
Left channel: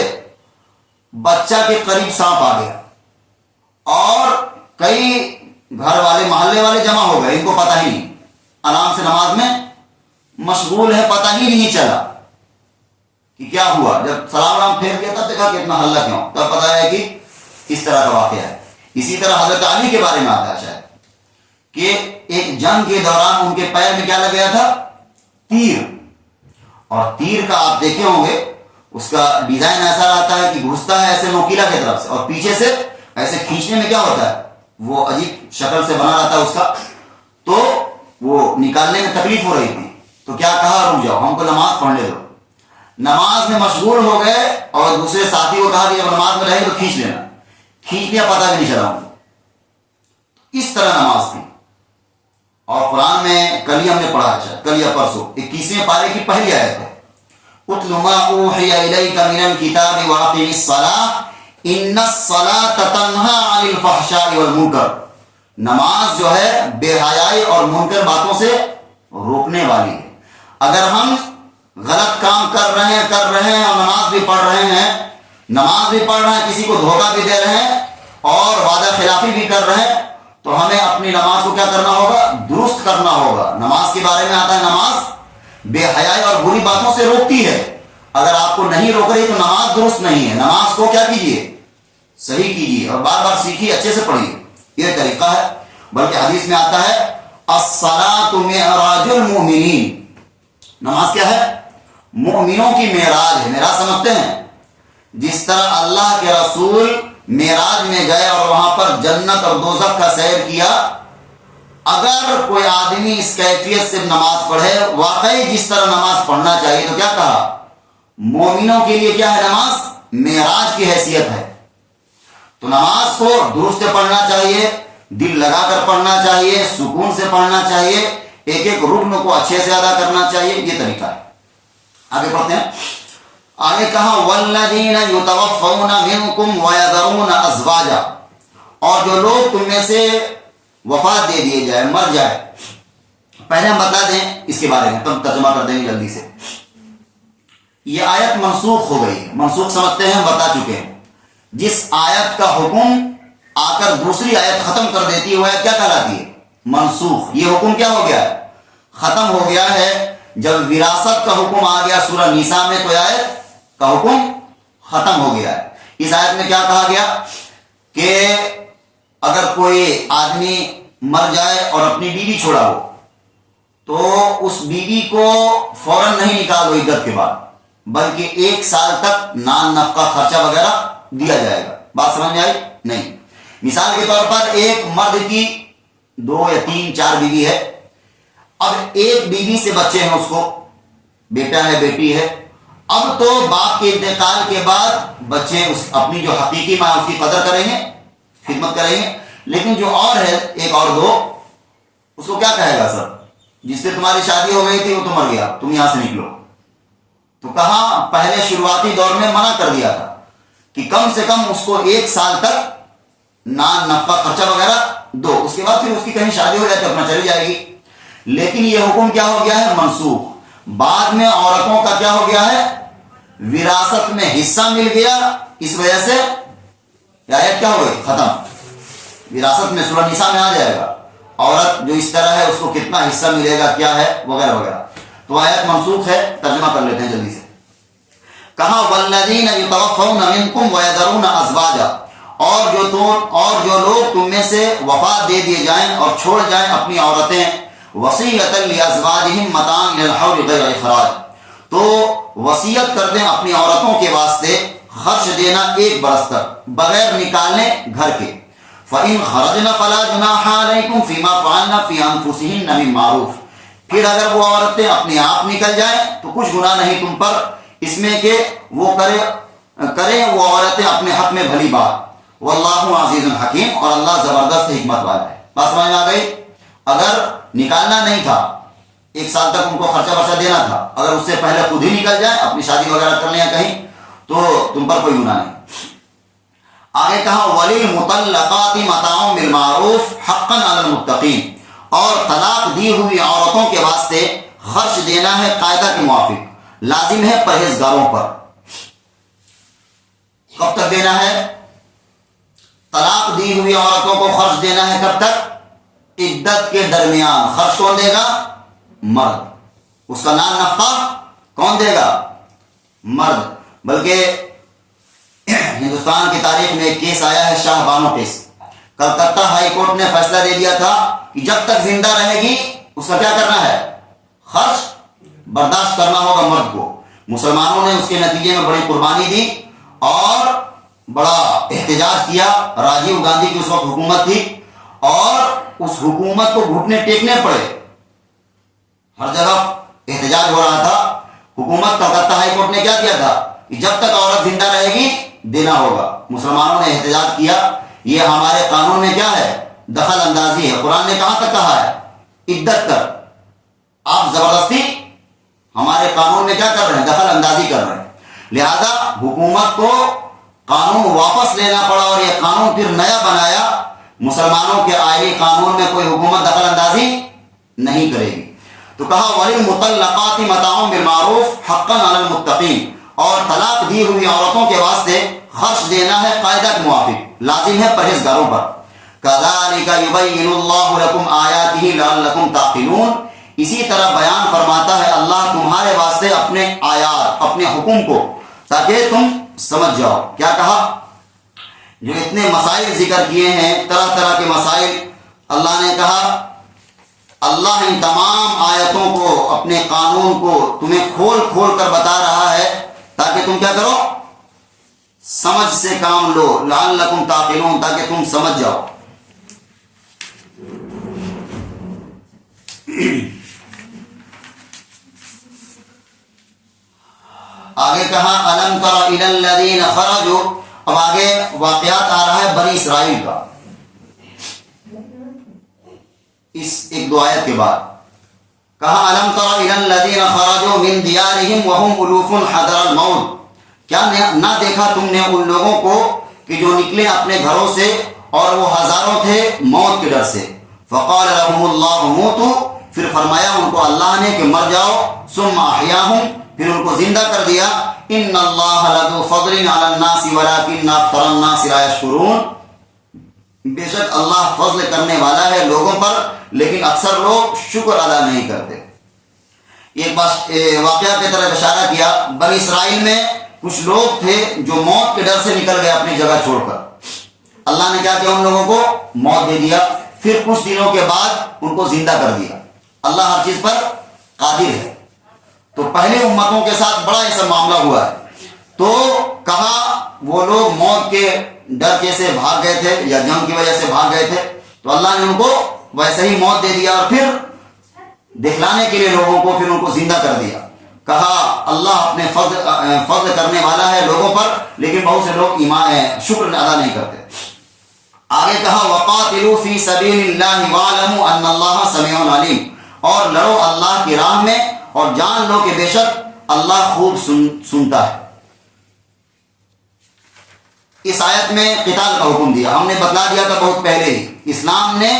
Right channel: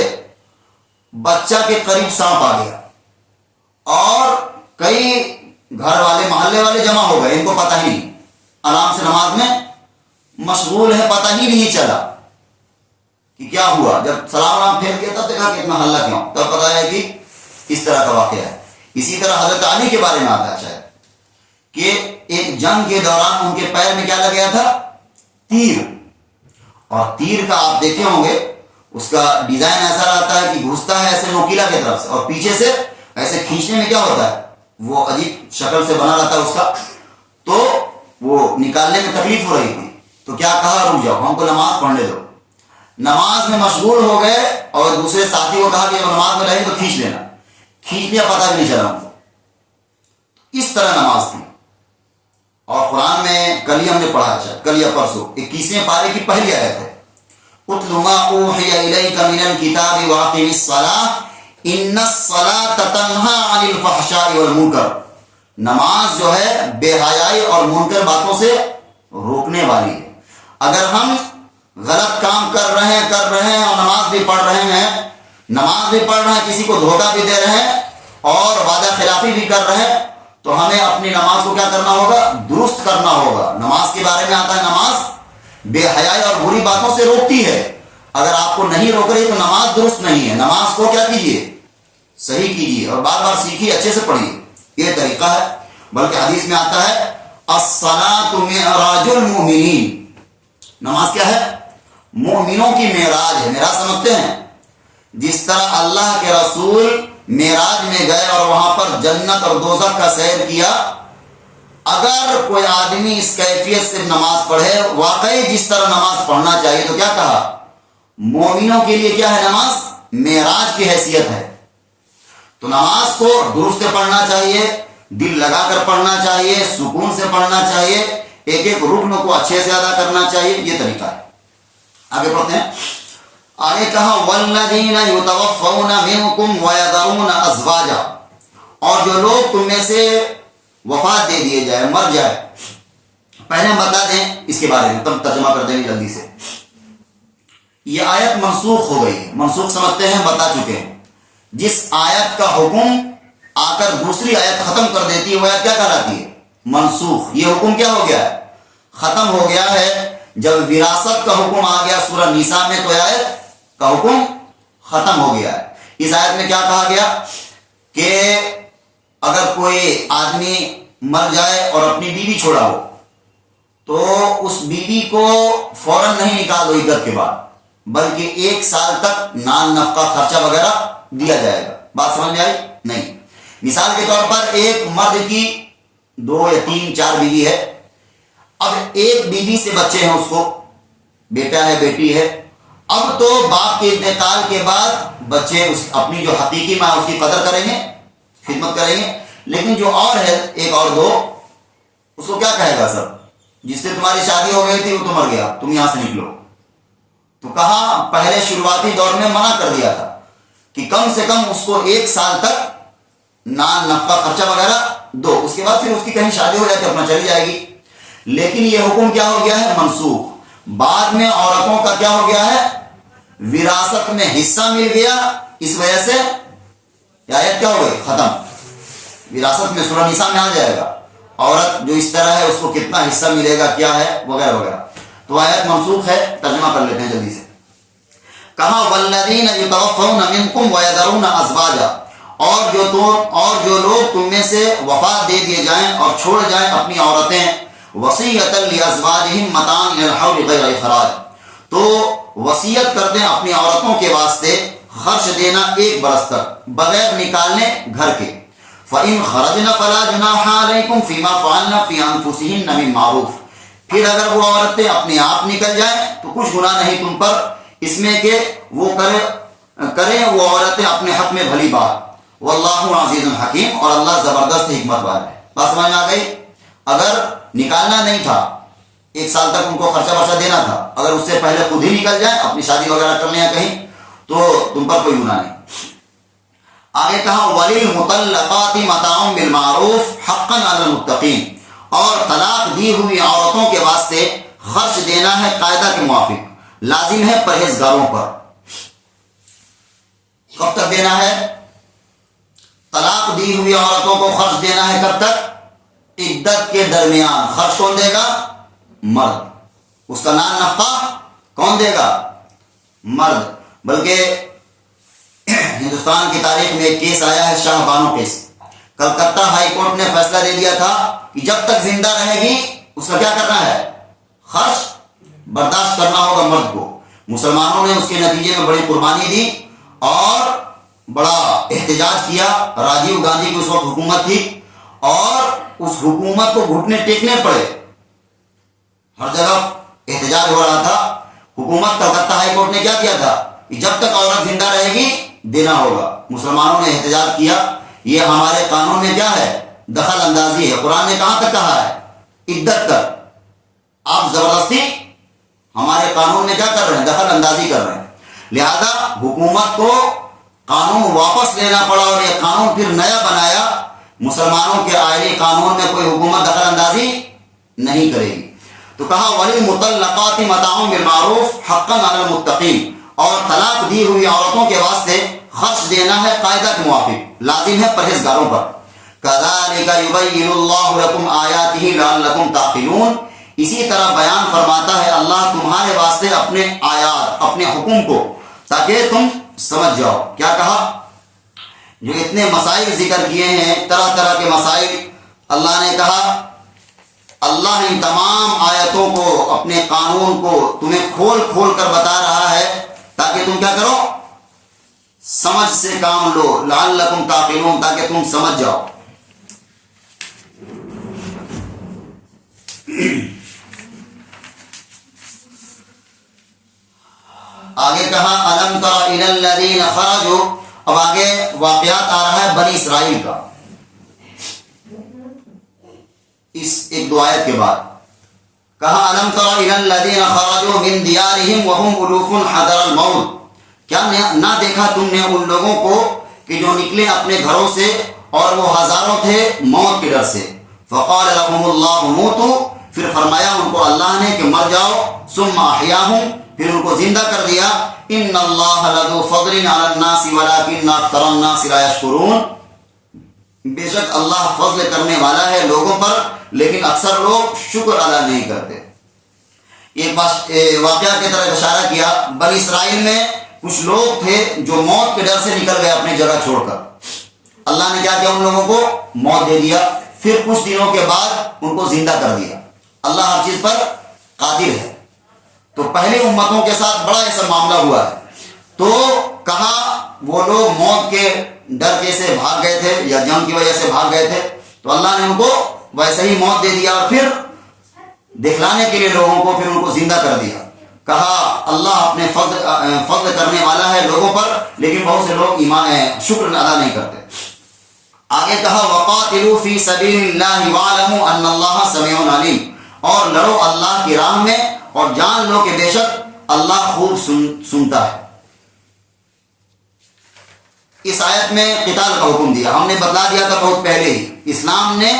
بچہ کے قریب سانپ آ گیا اور کئی گھر والے، محلے والے جمع ہو گئے، ان کو پتہ ہی نہیں، آرام سے نماز میں مشغول ہے، پتہ ہی نہیں چلا کہ کیا ہوا۔ جب سلام پھیر دیا تب دیکھا کہ اتنا حلہ کیوں، تب پتہ ہے کہ اس طرح کا واقعہ ہے۔ اسی طرح حضرت علی کے بارے میں آتا ہے شاید کہ ایک جنگ کے دوران ان کے پیر میں کیا لگ گیا تھا؟ تیر۔ اور تیر کا آپ دیکھے ہوں گے اس کا ڈیزائن ایسا رہتا ہے کہ گھستا ہے ایسے نوکیلا کی طرف سے، اور پیچھے سے ایسے کھینچنے میں کیا ہوتا ہے، وہ عجیب شکل سے بنا رہتا ہے اس کا، تو وہ نکالنے میں تکلیف ہو رہی تھی۔ تو کیا کہا، رک جاؤ، ہم کو نماز پڑھنے دو۔ نماز میں مشغول ہو گئے اور دوسرے ساتھی کو کہا کہ اب نماز میں رہے تو کھینچ لینا، کھینچ لیا، پتہ بھی نہیں چلا ان کو۔ اس طرح نماز تھی۔ اور قرآن میں کل ہی ہم نے پڑھا ہے، کل یا پرسوں، 21ویں پارے کی پہلی آیت ہے، اتل ما اوحی الیک من الکتاب واقم الصلاۃ ان الصلاۃ تنہی عن الفحشاء والمنکر۔ نماز جو ہے بے حیائی اور منکر باتوں سے روکنے والی ہے۔ اگر ہم غلط کام کر رہے ہیں اور نماز بھی پڑھ رہے ہیں، کسی کو دھوکہ بھی دے رہے ہیں اور وعدہ خلافی بھی کر رہے ہیں، تو ہمیں اپنی نماز کو کیا کرنا ہوگا، درست کرنا ہوگا۔ نماز کے بارے میں آتا ہے نماز بے حیائی اور بری باتوں سے روکتی ہے۔ اگر آپ کو نہیں روک رہی تو نماز درست نہیں ہے۔ نماز کو کیا کیجئے، صحیح کیجئے اور بار بار سیکھیے، اچھے سے پڑھیے، یہ طریقہ ہے۔ بلکہ حدیث میں آتا ہے الصلاۃ معراج المؤمنین، نماز کیا ہے؟ مومنوں کی معراج ہے۔ معراج سمجھتے ہیں؟ جس طرح اللہ کے رسول معراج میں گئے اور وہاں پر جنت اور دوزخ کا سیر کیا، اگر کوئی آدمی اس کیفیت سے نماز پڑھے، واقعی جس طرح نماز پڑھنا چاہیے، تو کیا کہا؟ مومنوں کے لیے کیا ہے نماز؟ معراج کی حیثیت ہے۔ تو نماز کو درست پڑھنا چاہیے، دل لگا کر پڑھنا چاہیے، سکون سے پڑھنا چاہیے، ایک ایک رکن کو اچھے سے ادا کرنا چاہیے، یہ طریقہ ہے۔ آگے پڑھتے ہیں۔ آگے کہا والذین یتوفون منکم ویذرون ازواجا، اور جو لوگ تم میں سے وفات دے دیے جائے، مر جائے۔ پہلے ہم بتا دیں اس کے بارے میں، تب ترجمہ کر دیں گے جلدی سے۔ یہ آیت منسوخ ہو گئی ہے، منسوخ سمجھتے ہیں، ہم بتا چکے ہیں۔ جس آیت کا حکم آ کر دوسری آیت ختم کر دیتی ہے وہ آیت کیا کہلاتی ہے؟ منسوخ۔ یہ حکم کیا ہو گیا ہے؟ ختم ہو گیا ہے۔ جب وراثت کا حکم آ گیا سورہ نساء میں، تو آیت کا حکم ختم ہو گیا ہے۔ اس آیت میں کیا کہا گیا کہ اگر کوئی آدمی مر جائے اور اپنی بیوی چھوڑا ہو، تو اس بیوی کو فوراً نہیں نکال دو عدت کے بعد، بلکہ 1 سال تک نان نفقہ خرچہ وغیرہ دیا جائے گا۔ بات سمجھ میں آئی؟ نہیں۔ مثال کے طور پر ایک مرد کی 2 یا 3 4 بیوی ہے، اب ایک بیوی سے بچے ہیں، اس کو بیٹا ہے بیٹی ہے، اب تو باپ کے انتقال کے بعد بچے اپنی جو حقیقی ماں اس کی قدر کریں گے، خدمت کریں گے، لیکن جو اور ہے 1 اور 2، اس کو کیا کہے گا؟ سر جس سے تمہاری شادی ہو گئی تھی وہ تو مر گیا، تم یہاں سے نکلو۔ تو کہا پہلے شروعاتی دور میں منع کر دیا تھا کہ کم سے کم اس کو 1 سال تک نان نفقہ خرچہ وغیرہ دو، اس کے بعد پھر اس کی کہیں شادی ہو جاتی اپنا چلی جائے گی۔ لیکن یہ حکم کیا ہو گیا ہے؟ منسوخ۔ بعد میں عورتوں کا کیا ہو گیا ہے؟ وراثت میں حصہ مل گیا، اس وجہ سے یہ آیت کیا ہو گئی؟ ختم۔ وراثت میں سورہ نساء میں آ جائے گا، عورت جو اس طرح ہے اس کو کتنا حصہ ملے گا، کیا ہے، وغیرہ وغیرہ۔ تو آیت منسوخ ہے۔ ترجمہ کر لیتے ہیں جلدی سے۔ کہا والذین یتوفون منکم ویذرون ازواجا، اور جو لوگ تم میں سے وفات دے دیے جائیں اور چھوڑ جائیں اپنی عورتیں، وصیۃ لازواجہم متاعا الی الحول غیر اخراج، تو وصیت کر دیں اپنی عورتوں کے واسطے خرچ دینا 1 برس تک بغیر نکالنے گھر کے۔ فَإِنْ خَرَجْنَ فَلَا جُنَاحَ عَلَيْكُمْ فِي مَا فَعَلْنَ فِي أَنفُسِهِنَّ مِن مَّعْرُوفٍ، پھر اگر وہ عورتیں اپنے آپ نکل جائیں تو کچھ گناہ نہیں تم پر اس میں کہ وہ کریں وہ عورتیں اپنے حق میں بھلی بات۔ واللہ عزیز حکیم، اور اللہ زبردست حکمت والا ہے۔ بات سمجھ میں آ گئی؟ اگر نکالنا نہیں تھا، 1 سال تک ان کو خرچہ ورچہ دینا تھا، اگر اس سے پہلے خود ہی نکل جائیں اپنی شادی وغیرہ کر لیں یا کہیں، تو تم پر کوئی گناہ نہیں۔ آگے کہا وَلِلْمُطَلَّقَاتِ مَتَاعٌ بِالْمَعْرُوفِ حَقًّا عَلَى الْمُتَّقِينَ، اور طلاق دی ہوئی عورتوں کے واسطے خرچ دینا ہے قاعدہ کے موافق، لازم ہے پرہیزگاروں پر۔ کب تک دینا ہے؟ طلاق دی ہوئی عورتوں کو خرچ دینا ہے کب تک؟ عدت کے درمیان۔ خرچ کون دے گا؟ مرد۔ اس کا نان نفقہ کون دے گا؟ مرد۔ بلکہ ہندوستان کی تاریخ میں ایک کیس آیا ہے، Shah Bano case. Calcutta high court نے فیصلہ دے دیا تھا کہ جب تک زندہ رہے گی اس کا کیا کرنا ہے؟ خرچ برداشت کرنا ہوگا مرد کو۔ مسلمانوں نے اس کے نتیجے میں بڑی قربانی دی اور بڑا احتجاج کیا۔ راجیو گاندھی کی اس وقت حکومت تھی اور اس حکومت کو گھٹنے ٹیکنے پڑے، ہر جگہ احتجاج ہو رہا تھا۔ حکومت کلکتہ ہائی کورٹ نے کیا کیا تھا کہ جب تک عورت زندہ رہے گی دینا ہوگا۔ مسلمانوں نے احتجاج کیا، یہ ہمارے قانون میں کیا ہے؟ دخل اندازی ہے۔ قرآن نے کہاں تک کہا ہے؟ عدت تک۔ آپ زبردستی ہمارے قانون میں کیا کر رہے ہیں؟ دخل اندازی کر رہے ہیں۔ لہذا حکومت کو قانون واپس لینا پڑا اور یہ قانون پھر نیا بنایا۔ مسلمانوں کے آئینی قانون میں کوئی حکومت دخل اندازی نہیں کرے گی۔ تو کہا وَلِلْمُطَلَّقَاتِ مَتَاعٌ بِالْمَعْرُوفِ حَقًّا عَلَى الْمُتَّقِينَ، اور طلاق دی ہوئی عورتوں کے واسطے خرچ دینا ہے قاعدہ کے موافق، لازم ہے پرہیزگاروں پر۔ كَذَلِكَ يُبَيِّنُ اللَّهُ لَكُمْ آيَاتِهِ لَعَلَّكُمْ تَعْقِلُونَ، اسی طرح بیان فرماتا ہے اللہ تمہارے واسطے اپنے آیات، اپنے حکم کو، تاکہ تم سمجھ جاؤ۔ کیا کہا؟ جو اتنے مسائل ذکر کیے ہیں، طرح طرح کے مسائل، اللہ نے کہا اللہ ان تمام آیتوں کو، اپنے قانون کو تمہیں کھول کھول کر بتا رہا ہے تاکہ تم کیا کرو؟ سمجھ سے کام لو، لعلکم تعقلون، تاکہ تم سمجھ جاؤ۔ آگے کہا الم تر الی الذین خرجوا، اب آگے واقعات آ رہا ہے بنی اسرائیل کا، اس ایک دو آیت کے بعد کہا الم تر الی الذین خرجوا من دیارہم وهم الوف حذر الموت، کیا نہ دیکھا تم نے ان لوگوں کو کہ جو نکلے اپنے گھروں سے اور وہ ہزاروں تھے موت کے ڈر سے، فقال لهم اللہ موتوا، پھر فرمایا ان کو اللہ نے کہ مر جاؤ، ثم احیاہم، پھر ان کو زندہ کر دیا، ان اللہ لذو فضل علی الناس ولکن اکثر الناس لا یشکرون، بے شک اللہ فضل کرنے والا ہے لوگوں پر لیکن اکثر لوگ شکر ادا نہیں کرتے۔ ایک واقعہ کی طرف اشارہ کیا، بنی اسرائیل میں کچھ لوگ تھے جو موت کے ڈر سے نکل گئے اپنی جگہ چھوڑ کر، اللہ نے کیا کیا ان لوگوں کو موت دے دیا، پھر کچھ دنوں کے بعد ان کو زندہ کر دیا۔ اللہ ہر چیز پر قادر ہے۔ تو پہلے امتوں کے ساتھ بڑا ایسا معاملہ ہوا ہے، تو کہا وہ لوگ موت کے ڈر کے سے بھاگ گئے تھے یا جنگ کی وجہ سے بھاگ گئے تھے، تو اللہ نے ان کو ویسے ہی موت دے دیا اور پھر دکھلانے کے لیے لوگوں کو پھر ان کو زندہ کر دیا۔ کہا اللہ اپنے فضل کرنے والا ہے لوگوں پر لیکن بہت سے لوگ شکر ادا نہیں کرتے۔ آگے کہا وقاتلوا فی سبیل اللہ واعلموا ان اللہ سمیع علیم، اور لڑو اللہ کی راہ میں اور جان لو کہ بے شک اللہ خوب سنتا ہے۔ اس آیت میں قتال کا حکم دیا، ہم نے بتلا دیا تھا بہت پہلے ہی، اسلام نے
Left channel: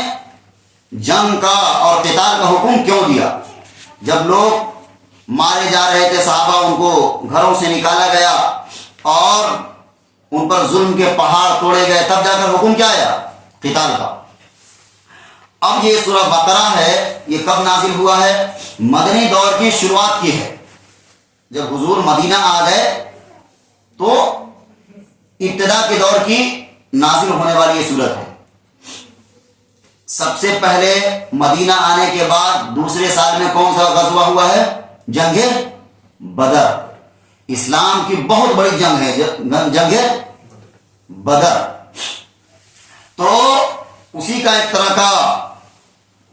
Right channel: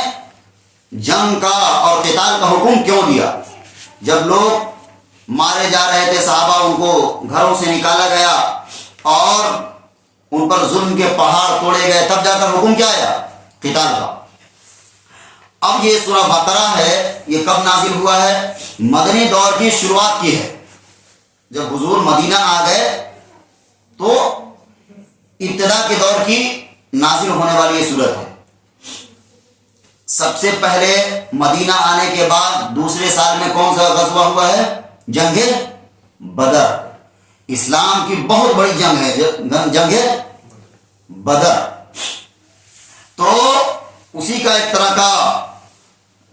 جنگ کا اور قتال کا حکم کیوں دیا۔ جب لوگ مارے جا رہے تھے صحابہ، ان کو گھروں سے نکالا گیا اور ان پر ظلم کے پہاڑ توڑے گئے، تب جا کر حکم کیا آیا؟ قتال کا۔ اب یہ سورہ بقرہ ہے، یہ کب نازل ہوا ہے؟ مدنی دور کی شروعات کی ہے، جب حضور مدینہ آ گئے تو ابتدا کے دور کی نازل ہونے والی یہ سورت ہے۔ سب سے پہلے مدینہ آنے کے بعد دوسرے سال میں کون سا غزوہ ہوا ہے؟ جنگ بدر، اسلام کی بہت بڑی جنگ ہے جنگ بدر۔ تو اسی کا ایک طرح کا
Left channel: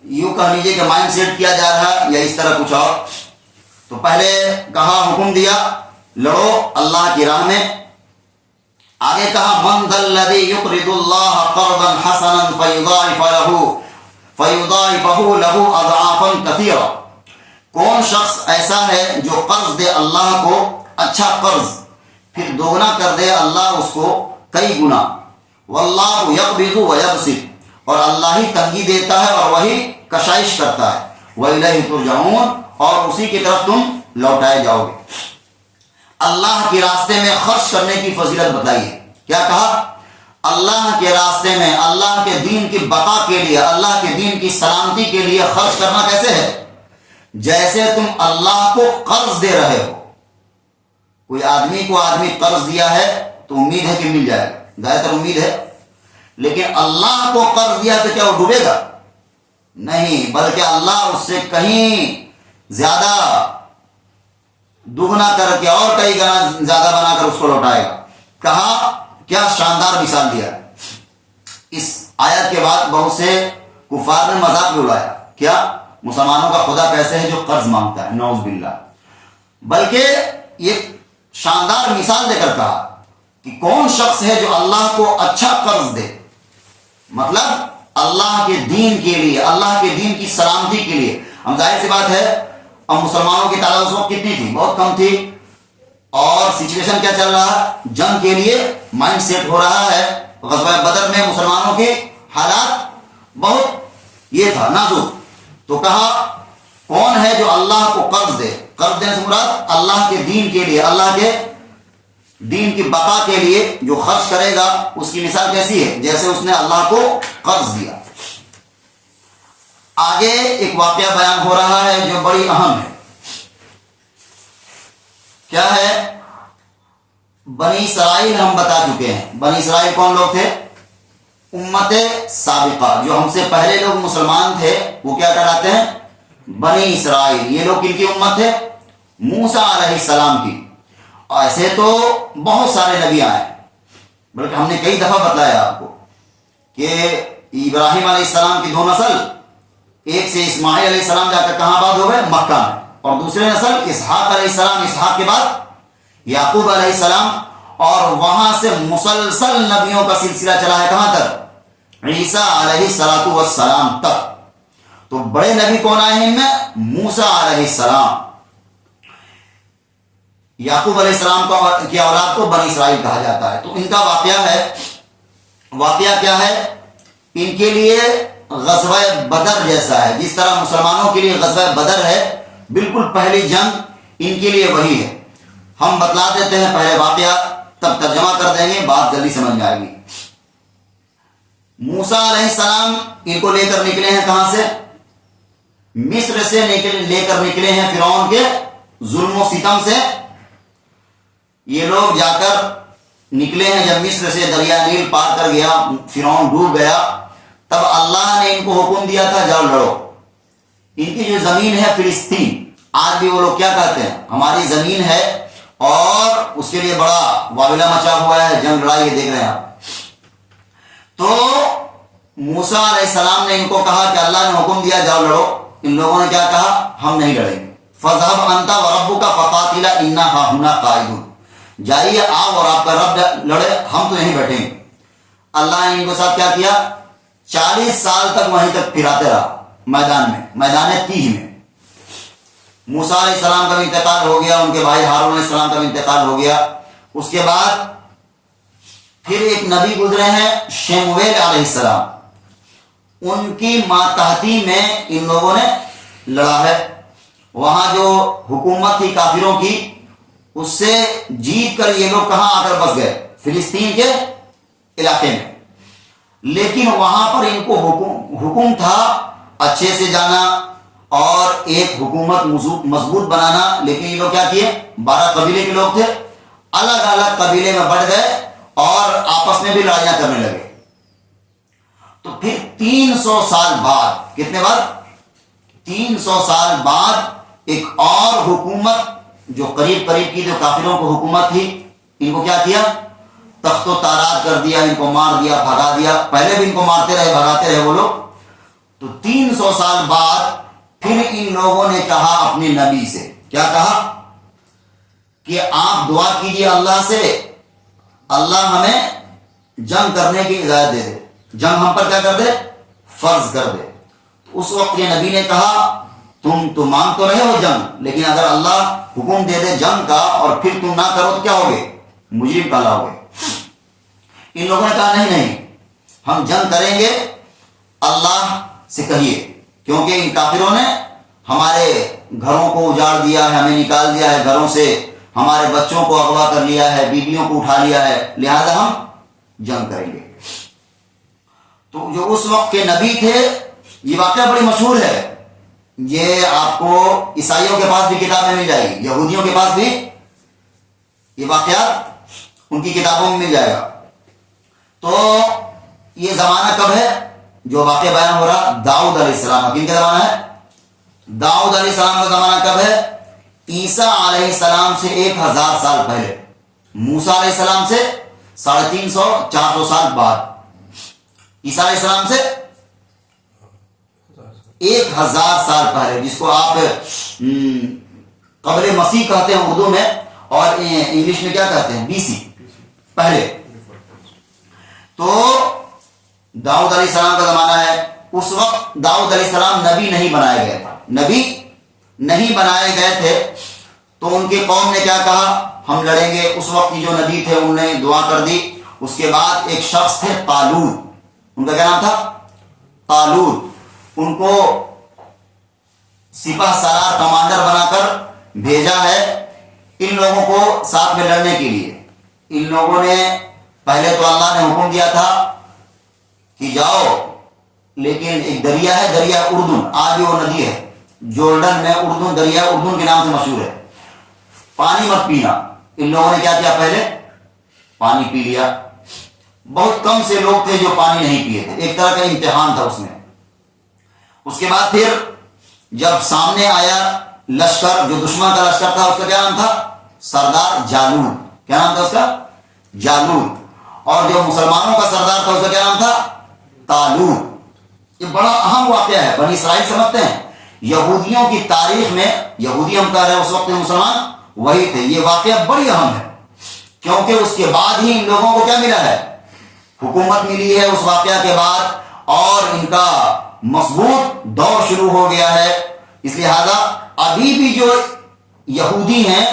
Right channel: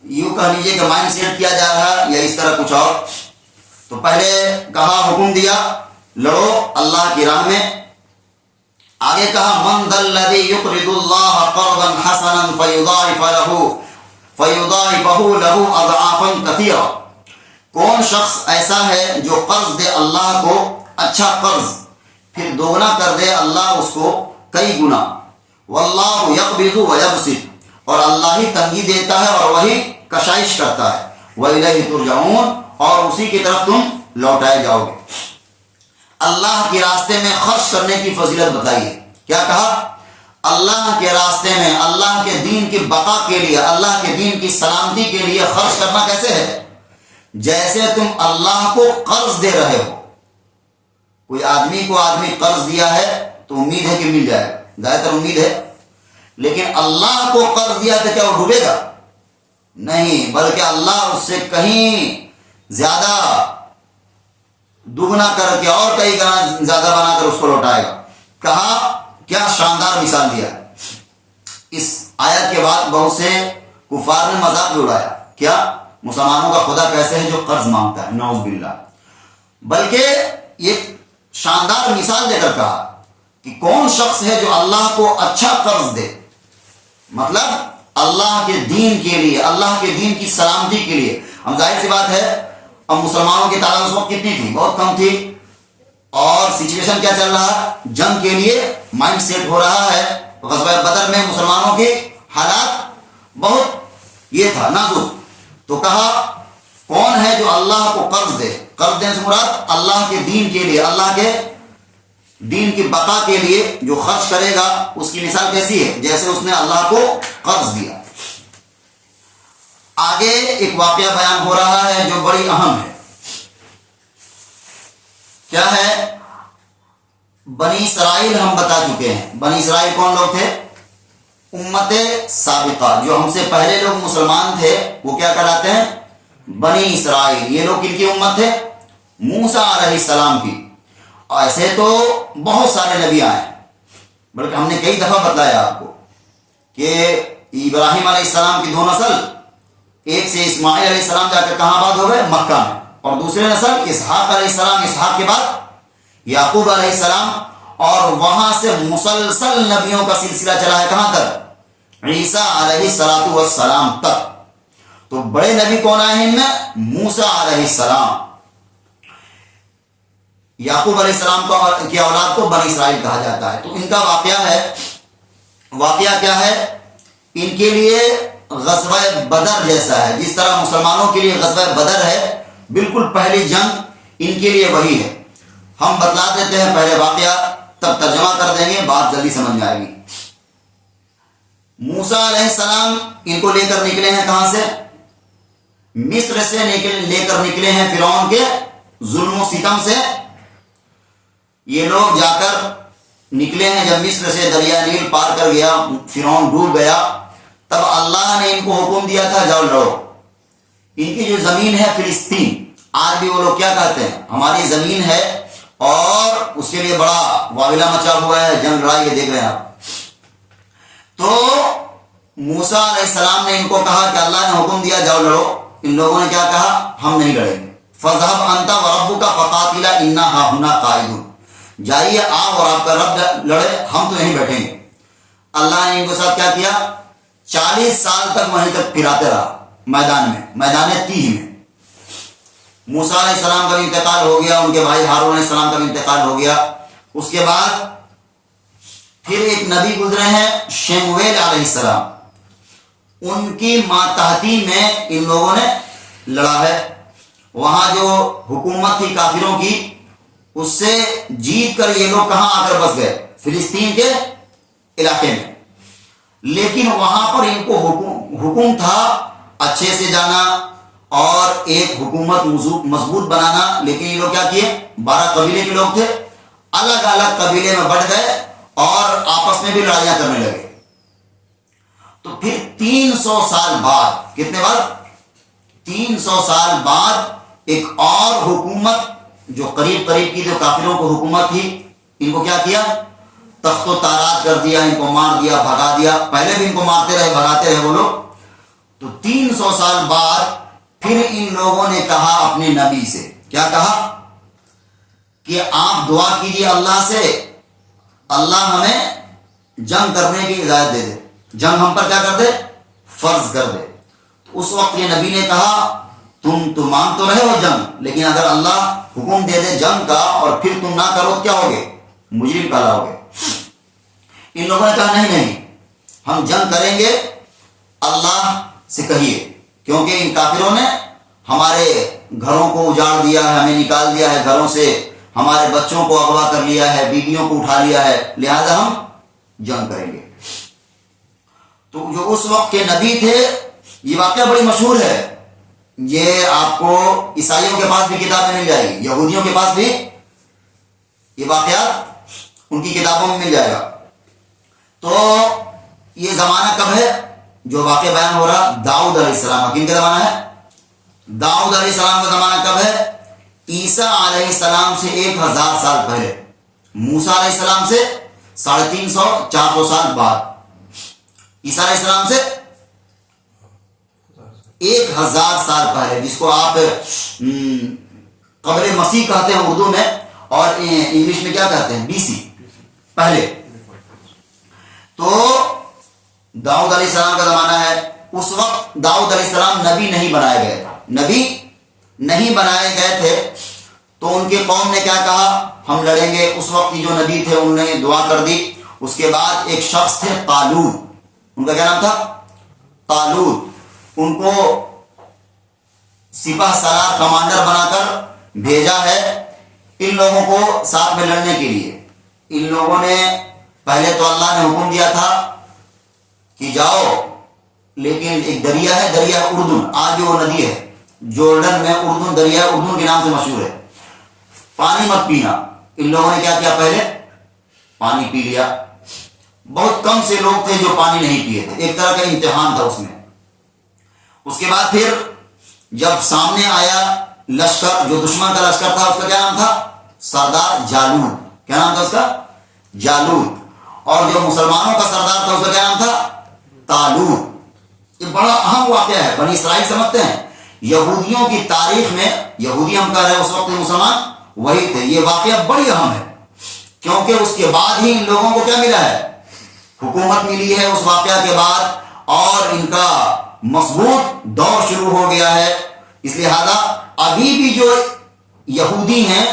یوں کہہ لیجیے کہ مائنڈ سیٹ کیا جا رہا ہے یا اس طرح کچھ اور۔ تو پہلے کہا حکم دیا لڑو اللہ کی راہ میں، آگے کہا من ذا الذی یقرض اللہ قرضا حسنا فیضاعفہ لہ اضعافا کثیرا، کون شخص ایسا ہے جو قرض دے اللہ کو اچھا قرض پھر دوگنا کر دے اللہ اس کو کئی گنا، واللہ یقبض ویبسط، اور اللہ ہی تنگی دیتا ہے اور وہی کشائش کرتا ہے، وَإِلَيْهِ تُرْجَعُونَ، اور اسی کی طرف تم لوٹائے جاؤ گے۔ اللہ کے راستے میں خرچ کرنے کی فضیلت بتائیے، کیا کہا؟ اللہ کے راستے میں، اللہ کے دین کی بقا کے لیے، اللہ کے دین کی سلامتی کے لیے خرچ کرنا کیسے ہے؟ جیسے تم اللہ کو قرض دے رہے ہو۔ کوئی آدمی کو قرض دیا ہے تو امید ہے کہ مل جائے گا، زیادہ تر امید ہے، لیکن اللہ کو قرض دیا تو کیا وہ ڈوبے گا؟ نہیں، بلکہ اللہ اس سے کہیں زیادہ دگنا کر کے اور کئی گنا زیادہ بنا کر اس کو لوٹائے گا۔ کہا کیا شاندار مثال دیا۔ اس آیت کے بعد بہت سے کفار نے مذاق بھی اڑایا، کیا مسلمانوں کا خدا کیسے ہے جو قرض مانگتا ہے، نعوذ باللہ۔ بلکہ یہ شاندار مثال دے کر کہا کہ کون شخص ہے جو اللہ کو اچھا قرض دے، مطلب اللہ کے دین کے لیے، اللہ کے دین کی سلامتی کے لیے۔ ہم ظاہر سی بات ہے اب مسلمانوں کی تعداد اس وقت کتنی تھی؟ بہت کم تھی، اور سچویشن کیا چل رہا؟ جنگ کے لیے مائنڈ سیٹ ہو رہا ہے۔ غزوہ بدر میں مسلمانوں کے حالات بہت یہ تھا نازک، تو کہا کون ہے جو اللہ کو قرض دے؟ قرض دینے سے مراد اللہ کے دین کے لیے، اللہ کے دین کی بقا کے لیے جو خرچ کرے گا، اس کی مثال کیسی ہے؟ جیسے اس نے اللہ کو قرض دیا۔ آگے ایک واقعہ بیان ہو رہا ہے جو بڑی اہم ہے۔ کیا ہے؟ بنی اسرائیل ہم بتا چکے ہیں۔ بنی اسرائیل کون لوگ تھے؟ امت سابقہ، جو ہم سے پہلے لوگ مسلمان تھے وہ کیا کہلاتے ہیں؟ بنی اسرائیل۔ یہ لوگ کن کی امت تھے؟ موسیٰ علیہ السلام کی۔ ایسے تو بہت سارے نبی آئے، بلکہ ہم نے کئی دفعہ بتلایا آپ کو کہ ابراہیم علیہ السلام کی 2 نسل، ایک سے اسماعیل علیہ السلام جا کر کہاں آباد ہو گئے؟ مکہ میں، اور دوسرے نسل اسحاق علیہ السلام، اسحاق کے بعد یعقوب علیہ السلام، اور وہاں سے مسلسل نبیوں کا سلسلہ چلا ہے کہاں تک؟ عیسیٰ علیہ السلام تک۔ تو بڑے نبی کون آئے ہیں ان میں؟ موسیٰ علیہ السلام۔ یعقوب علیہ السلام کی اولاد کو بنی اسرائیل کہا جاتا ہے۔ تو ان کا واقعہ کیا ہے؟ ان کے لیے غزوہ بدر جیسا ہے، جس طرح مسلمانوں کے لیے غزوہ بدر ہے، بالکل پہلی جنگ ان کے لیے وہی ہے۔ ہم بتلا دیتے ہیں پہلے واقعہ، تب ترجمہ کر دیں گے، بات جلدی سمجھ میں آئے گی۔ موسیٰ علیہ السلام ان کو لے کر نکلے ہیں کہاں سے؟ مصر سے لے کر نکلے ہیں فرعون کے ظلم و ستم سے۔ یہ لوگ جا کر نکلے ہیں جب مصر سے، دریا نیل پار کر گیا، فرعون ڈوب گیا، تب اللہ نے ان کو حکم دیا تھا جاؤ لڑو۔ ان کی جو زمین ہے فلسطین، آج بھی وہ لوگ کیا کہتے ہیں؟ ہماری زمین ہے، اور اس کے لیے بڑا واویلا مچا ہوا ہے، جنگ لڑائی، یہ دیکھ رہے ہیں آپ۔ تو موسیٰ علیہ السلام نے ان کو کہا کہ اللہ نے حکم دیا جاؤ لڑو۔ ان لوگوں نے کیا کہا؟ ہم نہیں لڑیں گے۔ فَاذْهَبْ أَنْتَ وَرَبُّكَ فَقَاتِلَا إِنَّا هَاهُنَا قَاعِدُونَ، جائیے آپ اور آپ کا رب لڑے، ہم تو یہیں بیٹھیں گے۔ اللہ نے ان کے ساتھ کیا کیا؟ 40 سال تک وہیں تک پھراتے رہا میدان میں، میدان تیہ میں۔ موسیٰ علیہ السلام کا بھی انتقال ہو گیا، ان کے بھائی ہارون علیہ السلام کا بھی انتقال ہو گیا۔ اس کے بعد پھر ایک نبی گزرے ہیں شمویل علیہ السلام، ان کی ماتحتی میں ان لوگوں نے لڑا ہے۔ وہاں جو حکومت تھی کافروں کی، اس سے جیت کر یہ لوگ کہاں آ کر بس گئے؟ فلسطین کے علاقے میں۔ لیکن وہاں پر ان کو حکم تھا اچھے سے جانا اور ایک حکومت مضبوط بنانا، لیکن یہ لوگ کیا کیے؟ 12 قبیلے کے لوگ تھے، الگ الگ قبیلے میں بٹ گئے اور آپس میں بھی لڑائیاں کرنے لگے۔ تو پھر 300 سال بعد، کتنے بعد؟ 300 سال بعد ایک اور حکومت جو قریب کی جو کافروں کو حکومت تھی، ان کو کیا کیا؟ تخت و تاراج کر دیا، ان کو مار دیا، بھگا دیا۔ پہلے بھی ان کو مارتے رہے، بھگاتے رہے وہ لوگ۔ تو 300 سال بعد پھر ان لوگوں نے کہا اپنے نبی سے، کیا کہا؟ کہ آپ دعا کیجئے اللہ سے، اللہ ہمیں جنگ کرنے کی اجازت دے دے، جنگ ہم پر کیا کر دے؟ فرض کر دے۔ تو اس وقت یہ نبی نے کہا تم تو مانگ تو رہے ہو جنگ، لیکن اگر اللہ حکم دے دے جنگ کا اور پھر تم نہ کرو تو کیا ہوگے؟ مجرم کہلاؤگے۔ ان لوگوں نے کہا نہیں، ہم جنگ کریں گے، اللہ سے کہیے، کیونکہ ان کافروں نے ہمارے گھروں کو اجاڑ دیا ہے، ہمیں نکال دیا ہے گھروں سے، ہمارے بچوں کو اغوا کر لیا ہے، بیویوں کو اٹھا لیا ہے، لہذا ہم جنگ کریں گے۔ تو جو اس وقت کے نبی تھے، یہ واقعہ بڑی مشہور ہے، یہ آپ کو عیسائیوں کے پاس بھی کتابیں مل جائے گی، یہودیوں کے پاس بھی یہ واقعات ان کی کتابوں میں مل جائے گا۔ تو یہ زمانہ کب ہے جو واقعہ بیان ہو رہا؟ داؤد علیہ السلام۔ کن کا زمانہ ہے؟ داؤد علیہ السلام کا زمانہ کب ہے؟ عیسیٰ علیہ السلام سے 1000 سال پہلے، موسیٰ علیہ السلام سے 350-400 سال بعد، عیسیٰ علیہ السلام سے 1000 سال پہلے، جس کو آپ قبل مسیح کہتے ہیں اردو میں، اور انگلش میں کیا کہتے ہیں؟ BC، پہلے۔ تو داؤد علیہ السلام کا زمانہ ہے۔ اس وقت داؤد علیہ السلام نبی نہیں بنائے گئے تھے، نبی نہیں بنائے گئے تھے۔ تو ان کی قوم نے کیا کہا؟ ہم لڑیں گے۔ اس وقت کی جو نبی تھے انہوں نے دعا کر دی۔ اس کے بعد ایک شخص تھے طالوت، ان کا کیا نام تھا؟ طالوت۔ ان کو سپہ سالار کمانڈر بنا کر بھیجا ہے ان لوگوں کو ساتھ میں لڑنے کے لیے۔ ان لوگوں نے پہلے تو اللہ نے حکم دیا تھا کہ جاؤ، لیکن ایک دریا ہے، دریا اردن، آج بھی وہ ندی ہے جورڈن میں، اردن، دریا اردن کے نام سے مشہور ہے، پانی مت پینا۔ ان لوگوں نے کیا کیا؟ پہلے پانی پی لیا، بہت کم سے لوگ تھے جو پانی نہیں پیے تھے، ایک طرح کا امتحان تھا اس میں۔ اس کے بعد پھر جب سامنے آیا لشکر، جو دشمن کا لشکر تھا، اس کا کیا نام تھا؟ سردار جالوت۔ کیا نام تھا اس کا؟ جالوت۔ اور جو مسلمانوں کا سردار تھا اس کا کیا نام تھا؟ طالوت۔ یہ بڑا اہم واقعہ ہے، بنی اسرائیل سمجھتے ہیں یہودیوں کی تاریخ میں، یہودی ہم کہہ رہے ہیں اس وقت مسلمان وہی تھے، یہ واقعہ بڑی اہم ہے، کیونکہ اس کے بعد ہی ان لوگوں کو کیا ملا ہے؟ حکومت ملی ہے اس واقعہ کے بعد، اور ان کا مضبوط دور شروع ہو گیا ہے۔ اس لہذا ابھی بھی جو یہودی ہیں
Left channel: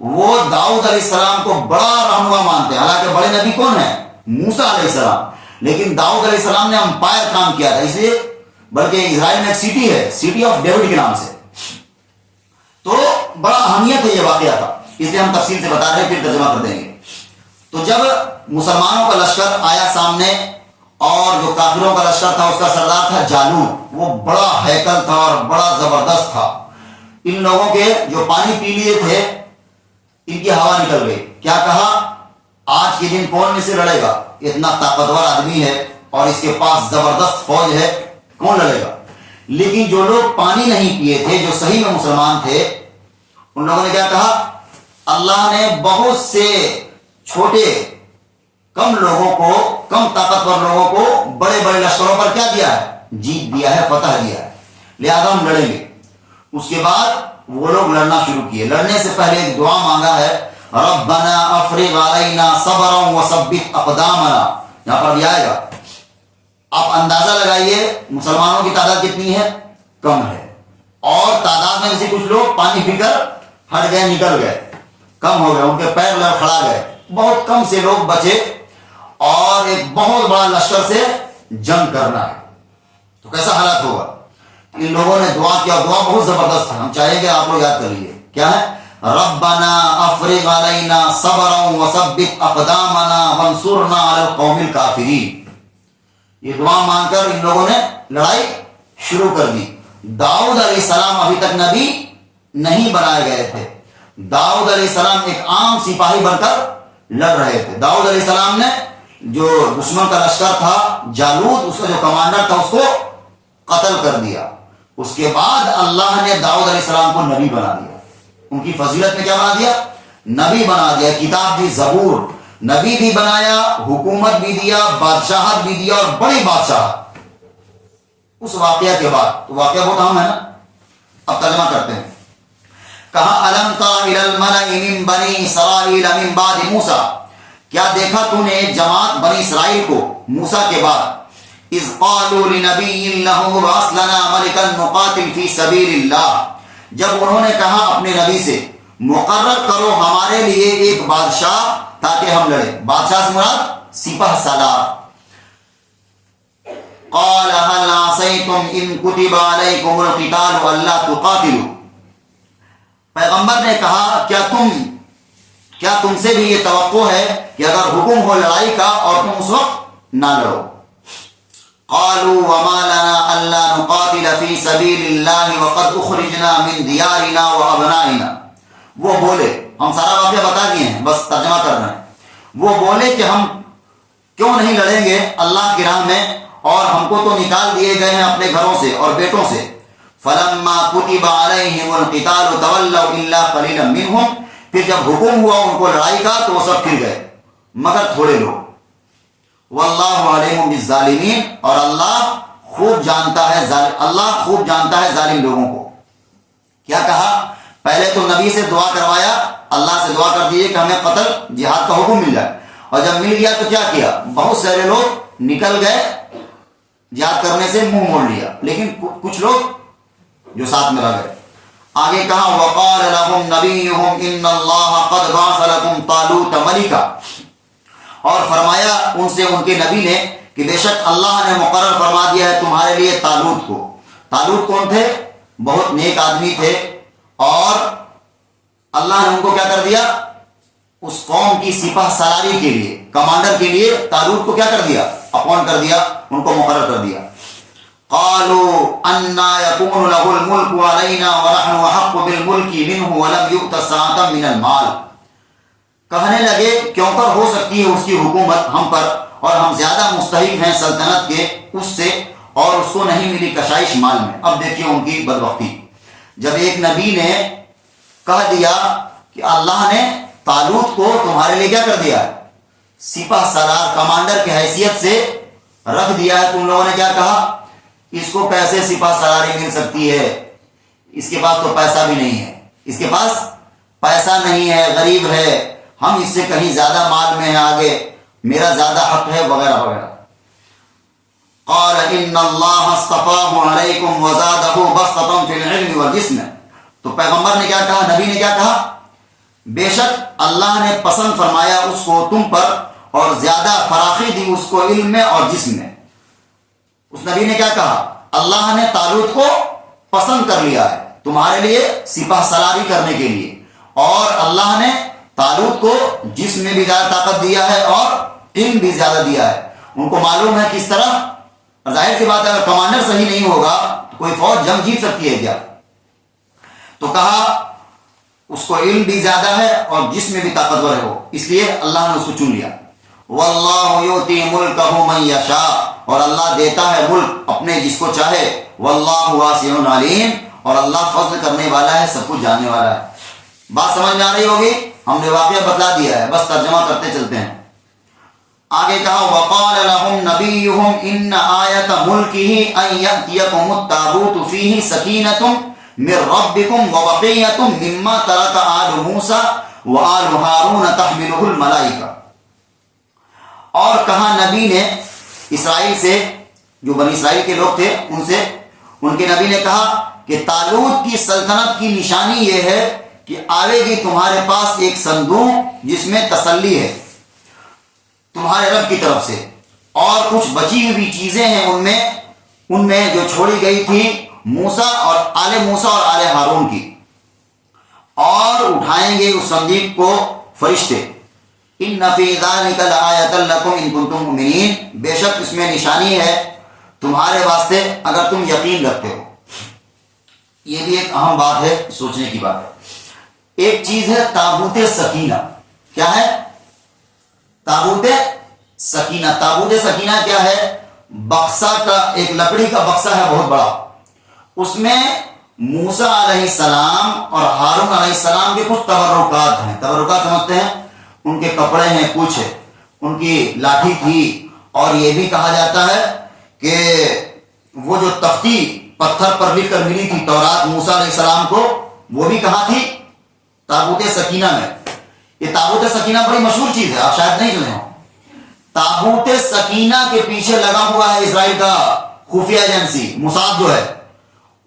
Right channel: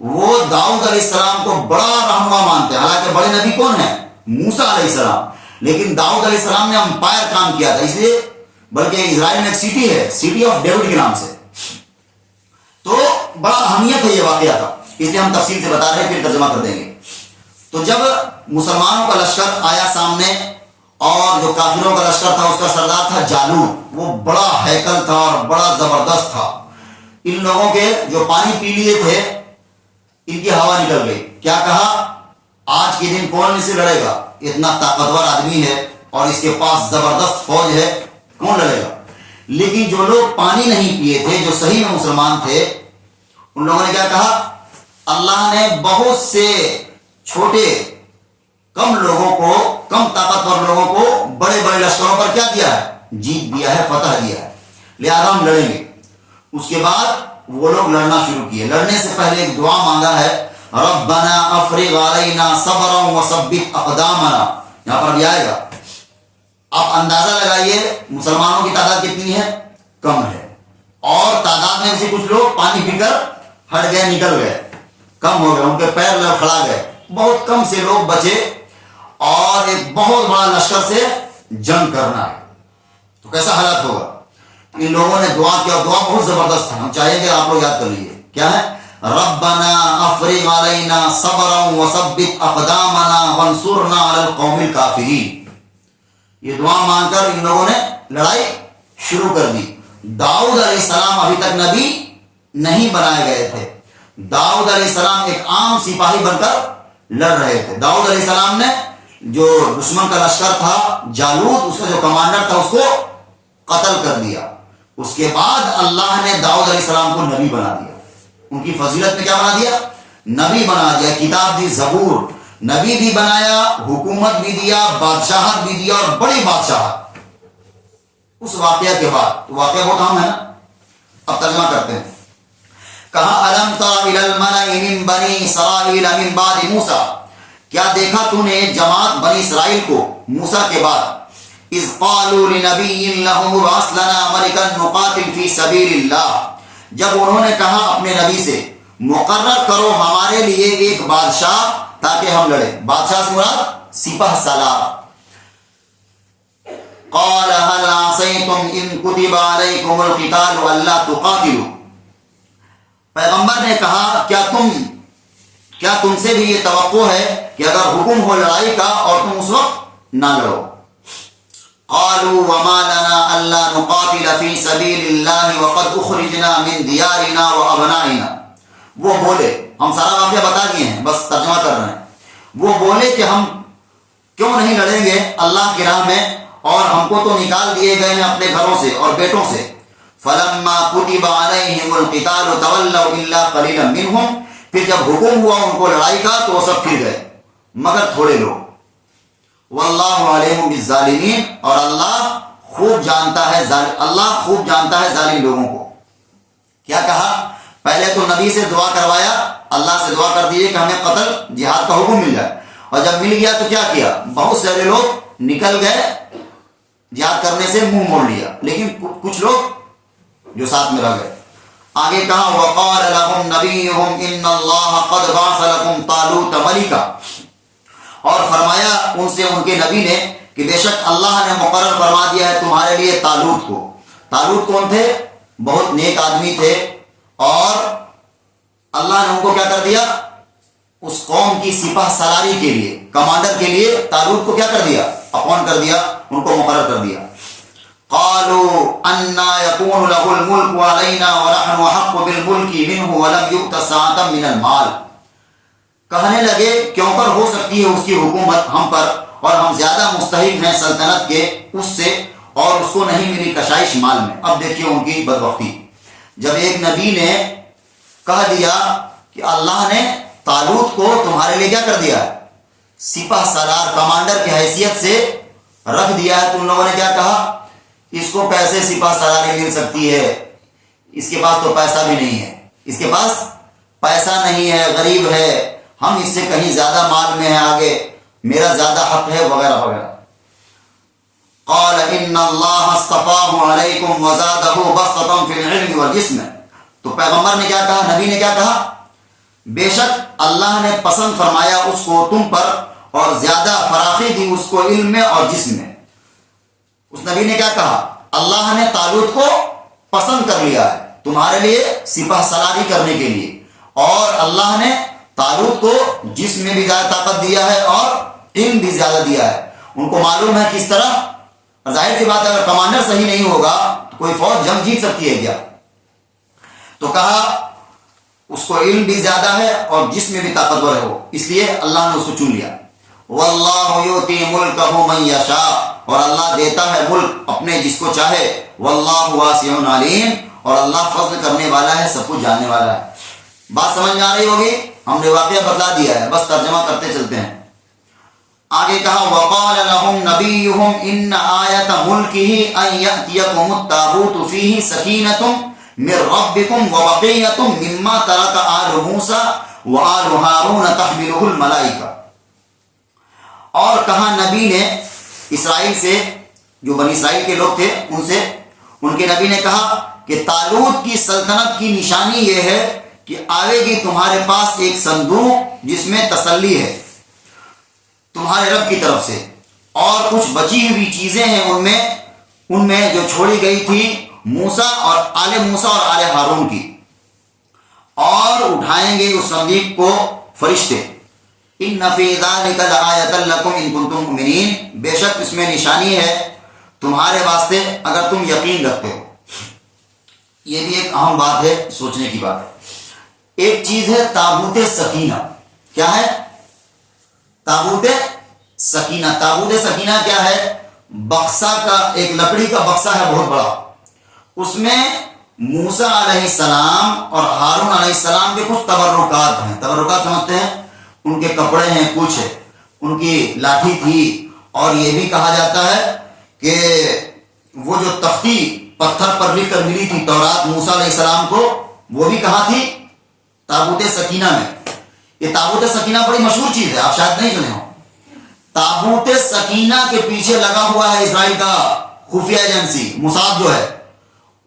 وہ داؤد علیہ السلام کو بڑا رہنما مانتے ہیں، حالانکہ بڑے نبی کون ہیں؟ موسیٰ علیہ السلام، لیکن داؤد علیہ السلام نے امپائر کام کیا تھا، اس لیے بلکہ اسرائیل میں ایک سٹی ہے، سٹی آف ڈیوڈ کے نام سے، تو بڑا اہمیت ہے یہ واقعہ تھا، اس لیے ہم تفصیل سے بتا رہے ہیں، پھر ترجمہ کر دیں گے۔ تو جب مسلمانوں کا لشکر آیا سامنے، اور جو کافروں کا لشکر تھا اس کا سردار تھا جالوت، وہ بڑا ہیکل تھا اور بڑا زبردست تھا۔ ان لوگوں کے جو پانی پی لیے تھے ان کی ہوا نکل گئی، کیا کہا؟ آج کے دن کون میں سے لڑے گا؟ اتنا طاقتور آدمی ہے اور اس کے پاس زبردست فوج ہے، کون لڑے گا؟ لیکن جو لوگ پانی نہیں پیے تھے، جو صحیح میں مسلمان تھے، ان لوگوں نے کیا کہا؟ اللہ نے بہت سے چھوٹے کم لوگوں کو، کم طاقتور لوگوں کو بڑے بڑے لشکروں پر کیا دیا ہے؟ جیت دیا ہے، فتح دیا ہے، لہذا ہم لڑیں گے۔ اس کے بعد وہ لوگ لڑنا شروع کیے۔ لڑنے سے پہلے ایک دعا مانگا ہے، ربنا افرغ علینا صبرا وثبت اقدامنا، یہاں پر بھی آئے گا۔ آپ اندازہ لگائیے مسلمانوں کی تعداد کتنی ہے؟ کم ہے، اور تعداد میں سے کچھ لوگ پانی پی کر ہٹ گئے، نکل گئے، کم ہو گئے، ان کے پیر لڑکھڑا گئے، بہت کم سے لوگ بچے، اور ایک بہت بڑا لشکر سے جنگ کرنا ہے، تو کیسا حالت ہوگا؟ ان لوگوں نے دعا کیا، دعا بہت زبردست تھا، ہم چاہیں گے آپ لوگ یاد کر لیجیے، کیا ہے؟ ربنا افرغ علینا صبرا وثبت اقدامنا وانصرنا علی القوم الکافرین۔ یہ دعا مانگ کر ان لوگوں نے لڑائی شروع کر دی۔ داؤد علیہ السلام ابھی تک نبی نہیں بنائے گئے تھے، داؤد علیہ السلام ایک عام سپاہی بن کر لڑ رہے تھے۔ داؤد علیہ السلام نے جو دشمن کا لشکر تھا جالوت، اس کا جو کمانڈر تھا، اس کو قتل کر دیا۔ اس کے بعد اللہ نے داؤد علیہ السلام کو نبی بنا دیا، ان کی فضیلت میں کیا بنا دیا؟ نبی بنا دیا، کتاب دی، زبور، نبی بھی بنایا، حکومت بھی دیا، بادشاہت بھی دیا، اور بڑی بادشاہت اس واقعہ کے بعد۔ تو واقعہ بہت اہم ہے نا، اب ترجمہ کرتے ہیں۔ کہا الم تر الی الملأ من بنی اسرائیل من بعد موسیٰ، کیا دیکھا تو نے جماعت بنی اسرائیل کو موسیٰ کے بعد، اذ قالوا لنبی لہم ابعث لنا ملکا نقاتل فی سبیل اللہ، جب انہوں نے کہا اپنے نبی سے مقرر کرو ہمارے لیے ایک بادشاہ تاکہ ہم لڑیں۔ بادشاہ سے مراد سپہ سالار۔ قال هل عصیتم ان کتب علیکم القتال الا تقاتلوا، پیغمبر نے کہا کیا تم سے بھی یہ توقع ہے کہ اگر حکم ہو لڑائی کا اور تم اس وقت نہ لڑو؟ قالوا وما لنا الا نقاتل في سبيل الله وقد اخرجنا من ديارنا وابنائنا، وہ بولے، ہم سارا واقعہ بتا دیے ہیں، بس ترجمہ کر رہے ہیں۔ وہ بولے کہ ہم کیوں نہیں لڑیں گے اللہ کی راہ میں، اور ہم کو تو نکال دیے گئے ہیں اپنے گھروں سے اور بیٹوں سے۔ فلما كتب عليهم القتال تولوا الا قليلا منهم، پھر جب حکم ہوا ان کو لڑائی کا تو وہ سب پھر گئے مگر تھوڑے لوگ۔ واللہ علیم بالظالمین، اور اللہ خوب جانتا ہے ظالم لوگوں کو۔ کیا کہا؟ پہلے تو نبی سے دعا کروایا، اللہ سے دعا کر دیے کہ ہمیں قتل جہاد کا حکم مل جائے، اور جب مل گیا تو کیا کیا؟ بہت سارے لوگ نکل گئے، جہاد کرنے سے منہ موڑ لیا، لیکن کچھ لوگ جو ساتھ میں رہ گئے۔ آگے کہا وقال لهم نبيهم ان الله قد بعث لكم طالوت ملكا، اور فرمایا ان سے ان کے نبی نے کہ بے شک اللہ نے مقرر فرما دیا ہے تمہارے لیے طالوت کو۔ طالوت کون تھے؟ بہت نیک آدمی تھے، اور اللہ نے ان کو کیا کر دیا؟ اس قوم کی سپہ سالاری کے لیے، کمانڈر کے لیے طالوت کو کیا کر دیا؟ اپوائنٹ کر دیا، ان کو مقرر کر دیا۔ قالوا انا يكون له الملك علينا ونحن احق بالملك منه ولم يؤت ساعة من المال، کہنے لگے کیوں کر ہو سکتی ہے اس کی حکومت ہم پر، اور ہم زیادہ مستحق ہیں سلطنت کے اس سے، اور اس کو نہیں ملی کشائش مال میں۔ اب دیکھیے ان کی بدبختی، جب ایک نبی نے کہہ دیا کہ اللہ نے طالوت کو تمہارے لیے کیا کر دیا، سپہ سالار کمانڈر کی حیثیت سے رکھ دیا ہے، تو ان لوگوں نے کیا کہا، اس کو کیسے سپہ سالاری مل سکتی ہے، اس کے پاس تو پیسہ بھی نہیں ہے، اس کے پاس پیسہ نہیں ہے، غریب ہے، ہم اس سے کہیں زیادہ مال میں ہے، آگے میرا زیادہ حق ہے، وغیرہ وغیرہ۔ قال ان اللہ اصطفاہ علیکم وزادہ بسطۃ فی العلم والجسم، تو پیغمبر نے کیا کہا، نبی نے کیا کہا، بے شک اللہ نے پسند فرمایا اس کو تم پر اور زیادہ فراخی دی اس کو علم میں اور جسم میں۔ اس نبی نے کیا کہا، اللہ نے طالوت کو پسند کر لیا ہے تمہارے لیے سپہ سالاری کرنے کے لیے، اور اللہ نے طالوت کو جسم میں بھی زیادہ طاقت دیا ہے اور علم بھی زیادہ دیا ہے۔ ان کو معلوم ہے کس طرح، اور ظاہر سی بات ہے اگر کمانڈر صحیح نہیں ہوگا تو کوئی فوج جنگ جیت سکتی ہے کیا؟ تو کہا اس کو علم بھی زیادہ ہے اور جسم میں بھی طاقتور ہے وہ، اس لیے اللہ نے اس کو چن لیا۔ واللہ یؤتی ملکہ من یشاء، اور اللہ دیتا ہے ملک اپنے جس کو چاہے، واللہ واسع علیم، اور اللہ فضل کرنے والا ہے، سب کچھ جاننے والا ہے۔ بات سمجھ میں آ رہی ہوگی، ہم نے واقعہ بتلا دیا ہے، بس ترجمہ کرتے چلتے ہیں۔ آگے کہا وقال لهم نبيهم ان آیت ملکہ ان یأتیکم التابوت فیہ سکینۃ من ربکم وبقیۃ مما ترک آل موسیٰ وآل ہارون تحملہ الملائکہ، اور کہا نبی نے اسرائیل سے، جو بنی اسرائیل کے لوگ تھے ان سے، ان کے نبی نے کہا کہ طالوت کی سلطنت کی نشانی یہ ہے کہ آئے گی تمہارے پاس ایک صندوق جس میں تسلی ہے تمہارے رب کی طرف سے، اور کچھ بچی ہوئی چیزیں ہیں ان میں جو چھوڑی گئی تھی موسیٰ اور آل موسیٰ اور آل ہارون کی، اور اٹھائیں گے اس صندوق کو فرشتے۔ ان فی ذلک لآیۃ لکم ان کنتم مؤمنین، بے شک اس میں نشانی ہے تمہارے واسطے اگر تم یقین رکھتے ہو۔ یہ بھی ایک اہم بات ہے، سوچنے کی بات ہے۔ ایک چیز ہے تابوت سکینہ، کیا ہے تابوت سکینہ؟ تابوت سکینہ کیا ہے؟ بکسا کا، ایک لکڑی کا بکسا ہے بہت بڑا، اس میں موسیٰ علیہ السلام اور ہارون علیہ السلام کے کچھ تبرکات ہیں۔ تبرکات سمجھتے ہیں، ان کے کپڑے ہیں، کچھ ان کی لاٹھی تھی، اور یہ بھی کہا جاتا ہے کہ وہ جو تختی پتھر پر لکھ کر ملی تھی تورات موسیٰ علیہ السلام کو، وہ بھی کہاں تھی؟ تابوت سکینہ میں۔ یہ تابوت سکینہ بڑی مشہور چیز ہے، آپ شاید نہیں سنے ہو۔ تابوت سکینہ کے پیچھے لگا ہوا ہے اسرائیل کا خفیہ ایجنسی موساد جو ہے،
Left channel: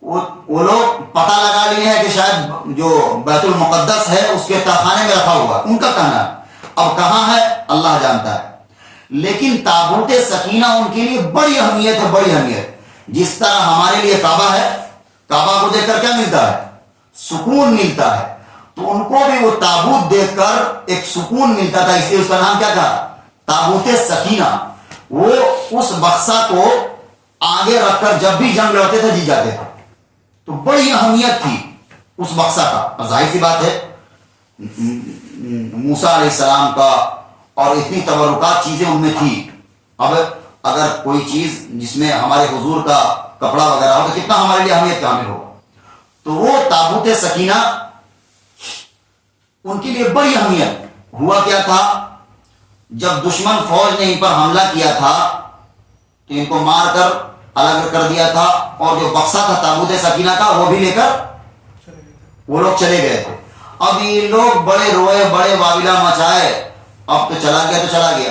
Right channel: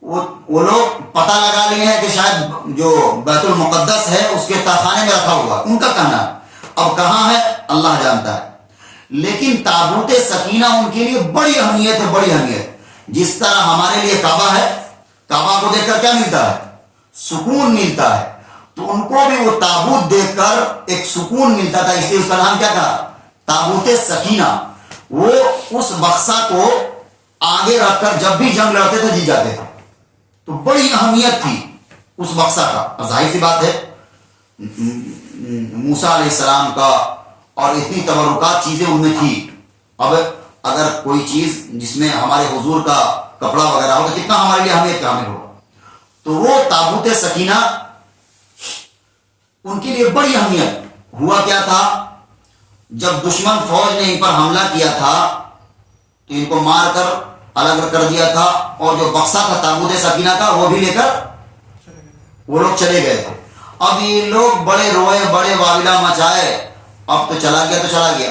وہ لوگ پتہ لگا لیے ہیں کہ شاید جو بیت المقدس ہے اس کے تہخانے میں رکھا ہوا ہے، ان کا کہنا ہے۔ اب کہاں ہے اللہ جانتا ہے، لیکن تابوت سکینہ ان کے لیے بڑی اہمیت ہے، بڑی اہمیت۔ جس طرح ہمارے لیے کعبہ ہے، کعبہ کو دیکھ کر کیا ملتا ہے؟ سکون ملتا ہے، تو ان کو بھی وہ تابوت دیکھ کر ایک سکون ملتا تھا، اس لیے اس کا نام کیا تھا؟ تابوت سکینہ۔ وہ اس بکسا کو آگے رکھ کر جب بھی جنگ لڑتے تھے جیت جاتے تھے، تو بڑی اہمیت تھی اس بکسا کا۔ ظاہر سی بات ہے موسیٰ علیہ السلام کا، اور اتنی تبرکات چیزیں ان میں تھی۔ اب اگر کوئی چیز جس میں ہمارے حضور کا کپڑا وغیرہ ہو تو کتنا ہمارے لیے اہمیت کا حامل ہوگا۔ تو وہ تابوت سکینہ ان کے لیے بڑی اہمیت۔ ہوا کیا تھا، جب دشمن فوج نے ان پر حملہ کیا تھا تو ان کو مار کر الگ کر دیا تھا، اور جو بکسا تھا تابوت سکینہ کا وہ بھی لے کر وہ لوگ چلے گئے تھے۔ اب یہ لوگ بڑے روئے، بڑے واویلا مچائے، اب تو چلا گیا تو چلا گیا۔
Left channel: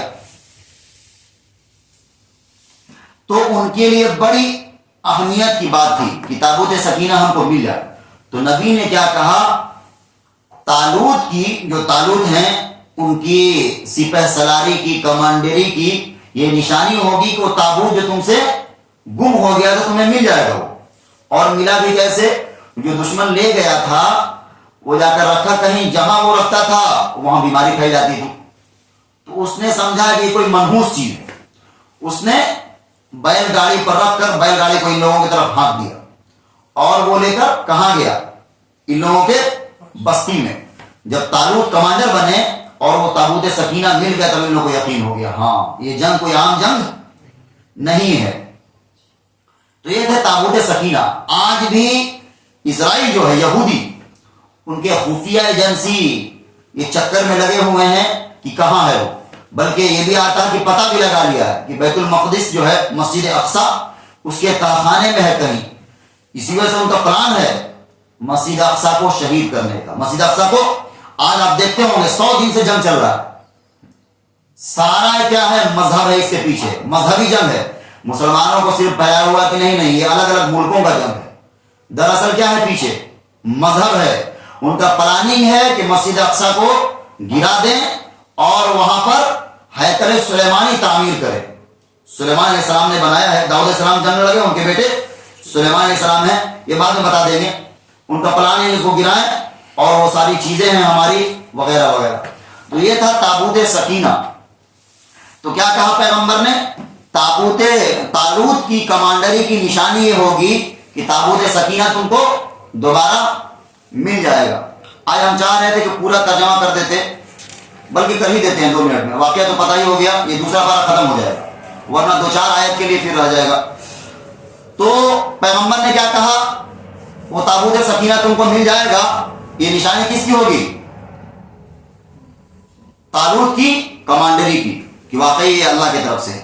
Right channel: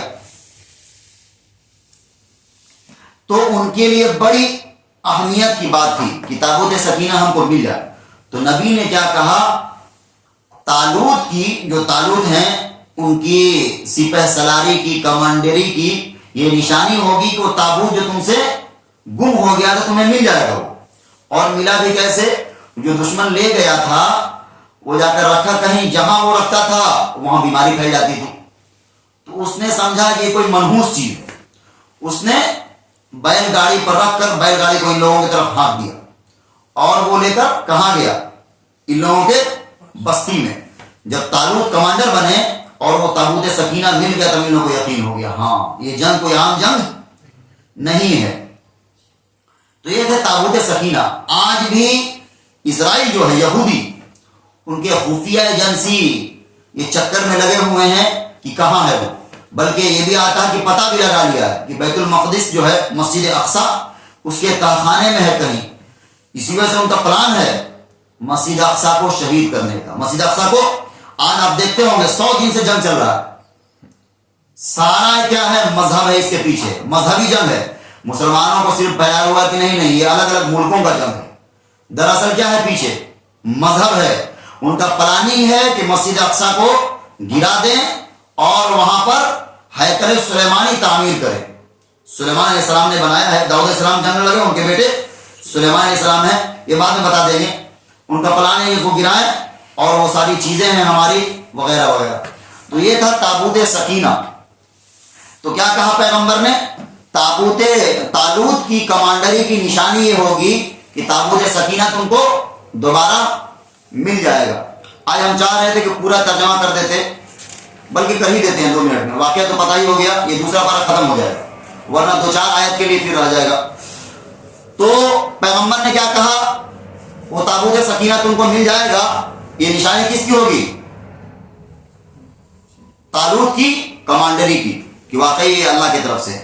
تو ان کے لیے بڑی اہمیت کی بات تھی کہ تابوت سکینہ ہم کو مل جائے۔ تو نبی نے کیا کہا، طالوت کی، جو طالوت ہیں ان کی سپہ سلاری کی، کمانڈری کی یہ نشانی ہوگی کہ وہ تابوت جو تم سے گم ہو گیا تو تمہیں مل جائے گا وہ۔ اور ملا بھی کیسے؟ جو دشمن لے گیا تھا وہ جا کر رکھا کہیں، جہاں وہ رکھتا تھا وہاں بیماری پھیل جاتی تھی، تو اس نے سمجھا کہ یہ کوئی منحوس چیز ہے، اس نے بیل گاڑی پر رکھ کر بیل گاڑی کو ان لوگوں کی طرف ہانک دیا، اور وہ لے کر کہاں گیا؟ ان لوگوں کے بستی میں۔ جب طالوت کمانڈر بنے اور وہ تابوت سکینہ مل گیا تب ان لوگوں کو یقین ہو گیا ہاں یہ جنگ کوئی عام جنگ نہیں ہے. تو یہ تھے تابوت سکینہ. آج بھی اسرائیل جو ہے یہودی ان کے خفیہ ایجنسی یہ چکر میں لگے ہوئے ہیں کہ کہاں ہے وہ, بلکہ یہ بھی آتا ہے کہ پتہ بھی لگا لیا ہے کہ بیت المقدس جو ہے مسجد اقصی اس کے تہخانے میں ہے کہیں. اسی وجہ سے ان کا پلان ہے مسجد اقصی کو شہید کرنے کا. مسجد اقصی کو آج آپ دیکھتے ہوں گے 100 دن سے جنگ چل رہا ہے. سارا کیا ہے مذہب ہے اس کے پیچھے, مذہبی جنگ ہے. مسلمانوں کو صرف پھیلایا ہوا کہ نہیں یہ الگ الگ ملکوں کا جنگ ہے. دراصل کیا ہے پیچھے مذہب ہے. ان کا پلاننگ ہے کہ مسجد اقصی کو گرا دیں اور وہاں پر ہیکل سلیمانی تعمیر کریں. سلیمان علیہ السلام نے بنایا ہے. داؤد علیہ السلام جنگ لگے ان کے بیٹے سلیمان علیہ السلام ہیں, یہ بعد میں بتا دیں گے. ان کا پلان ہے اس کو گرائیں اور وہ ساری چیزیں ہیں ہماری وغیرہ وغیرہ. تو یہ تھا تابوت سکینہ. تو کیا کہا پیغمبر نے, طالوت کی کمانڈری کی نشانی یہ ہوگی کہ تابوت سکینہ تم کو دوبارہ مل جائے گا. آج ہم چاہ رہے تھے کہ پورا ترجمہ کر دیتے, بلکہ کر ہی دیتے ہیں 2 منٹ میں. واقعہ تو پتہ ہی ہو گیا, یہ دوسرا پارہ ختم ہو جائے گا, ورنہ 2-4 آیت کے لیے پھر رہ جائے گا. تو پیغمبر نے کیا کہا, وہ تابوت سکینہ تم کو مل جائے گا. یہ نشانی کس کی ہوگی, طالوت کی کمانڈری کی, کہ واقعی یہ اللہ کی طرف سے.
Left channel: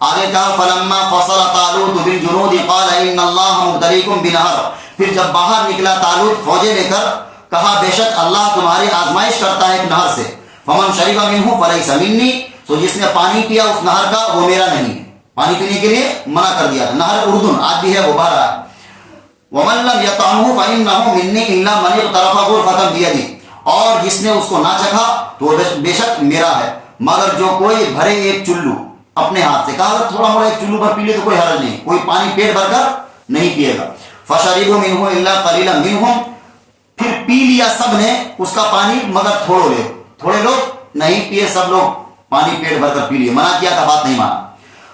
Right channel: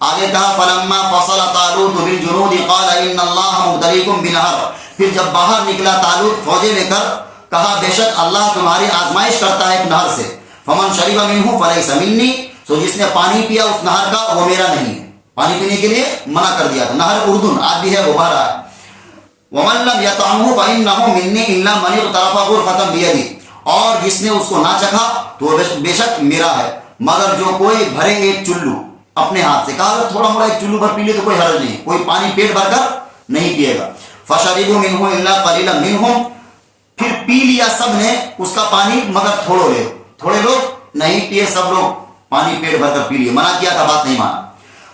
آگے کہا فلما فصل طالوت بالجنود قال ان اللہ مبتلیکم بنہر. پھر جب باہر نکلا طالوت فوجیں لے کر, کہا بے شک اللہ تمہاری آزمائش کرتا ہے ایک نہر سے. فمن شرب منہ فلیس منی. سو جس نے پانی پیا اس نہر کا وہ میرا نہیں ہے. پانی پینے کے لیے منع کر دیا تھا. نہر اردن آج بھی ہے, وہ بہہ رہا ہے. ومن لم يطعمه فانه مني الا من اغترف غرفة بيدي. اور جس نے اس کو نہ چکھا تو بے شک میرا ہے, مگر جو کوئی بھرے ایک چلو اپنے ہاتھ سے. کہا اگر تھوڑا موڑا ایک چلو بھر پی لے تو کوئی حرج نہیں, کوئی پانی پیٹ بھر کر نہیں پیے گا. فشربوا منه الا قليلا منهم. پھر پی لیا سب نے اس کا پانی مگر تھوڑے لوگ نہیں پیے, سب لوگ پانی پیٹ بھر کر پی لیے. منع کیا تھا, بات نہیں مانا.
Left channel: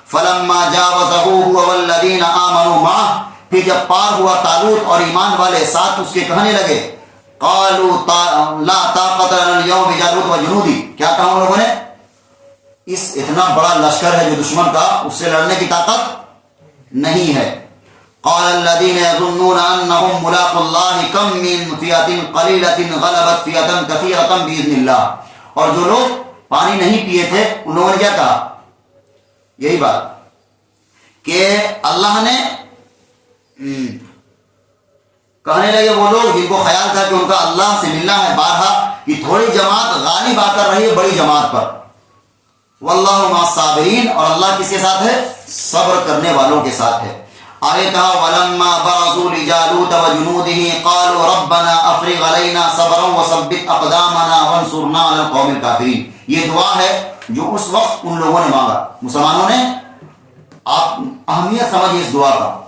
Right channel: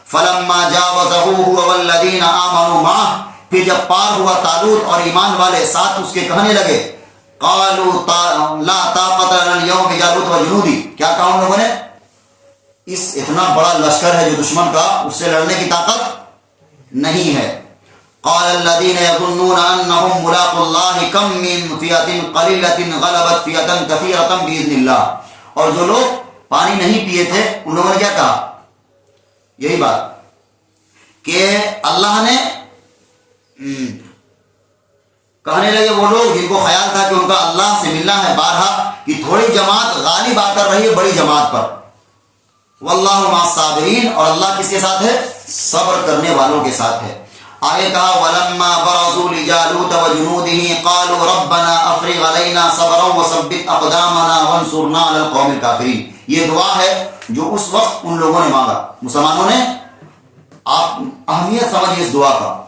فلما جاوزه هو والذين آمنوا معه. پھر جب پار ہوا طالوت اور ایمان والے ساتھ اس کے کہنے لگے قالوا لا طاقت لنا اليوم بجالوت وجنودی. کیا کہا ان لوگوں نے, اس اتنا بڑا لشکر ہے جو دشمن کا, اس سے لڑنے کی طاقت نہیں ہے. قال الذين يظنون انهم ملاقو الله كم من فئة قليلة غلبت فئة كثيرة باذن الله. اور جو لوگ پانی نہیں پیے تھے ان لوگوں نے کیا کہا, یہی بات کہ اللہ نے کہنے لگے وہ لوگ جن کو خیال تھا کہ ان کا اللہ سے ملنا ہے بارہا, کہ تھوڑی جماعت غالب آ کر رہی ہے بڑی جماعت پر. واللہ مع الصابرین. اور اللہ کس کے ساتھ ہے, صبر کرنے والوں کے ساتھ ہے. آگے کہا ولما برزوا لجالوت وجنوده قالوا ربنا افرغ علينا صبرا وثبت اقدامنا وانصرنا على القوم الكافرين. یہ دعا ہے جو اس وقت ان لوگوں نے مانگا, مسلمانوں نے. آپ اہمیت سمجھیں اس دعا کا.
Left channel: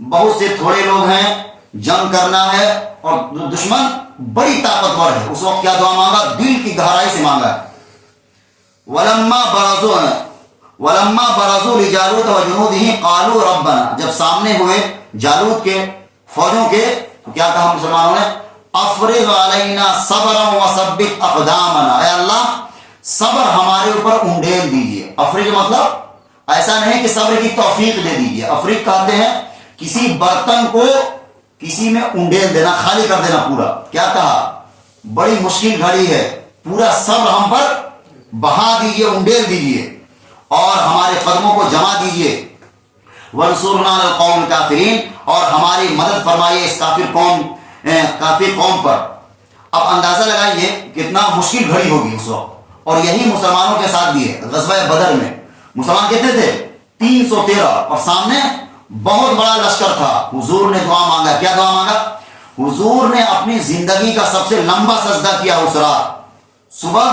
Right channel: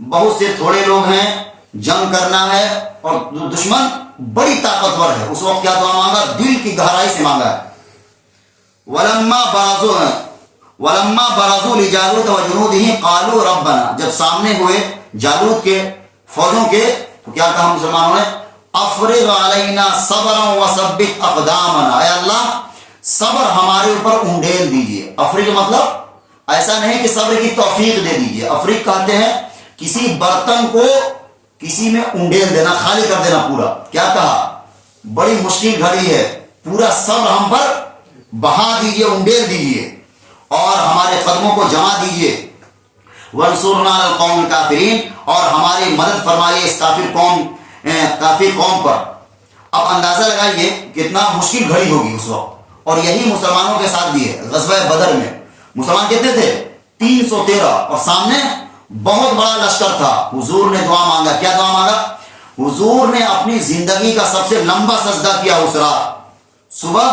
بہت سے تھوڑے لوگ ہیں, جنگ کرنا ہے اور دشمن بڑی طاقتور ہے. اس وقت کیا دعا مانگا, دل کی گہرائی سے مانگا ہے. ولما برزوا لجالوت وجنوده قالوا ربنا. جب سامنے ہوئے جالوت کے فوجوں کے تو کیا کہا مسلمانوں نے, افرغ علینا صبرا وثبت اقدامنا. اے اللہ صبر ہمارے اوپر انڈیل دیجئے. افرغ مطلب ایسا نہیں کہ صبر کی توفیق دے دیجئے. افرغ کہتے ہیں کسی برتن کو کسی میں انڈیل دینا, خالی کر دینا پورا. کیا کہا, بڑی مشکل گھڑی ہے, پورا صبر ہم پر بہا دیجئے, انڈیل دیجئے اور ہمارے قدموں کو جما دیجئے. وانصرنا علی القوم الکافرین. اور ہماری مدد فرمائیے اس کافر قوم پر. اب اندازہ لگائیے کتنا مشکل گھڑی ہوگی اس وقت. اور یہی مسلمانوں کے ساتھ بھی ہے. غزوہ بدر میں مسلمان کتنے تھے, 313, اور سامنے بہت بڑا لشکر تھا. حضور نے دعا مانگا. کیا دعا مانگا, حضور نے اپنی زندگی کا سب سے لمبا سجدہ کیا اس رات. صبح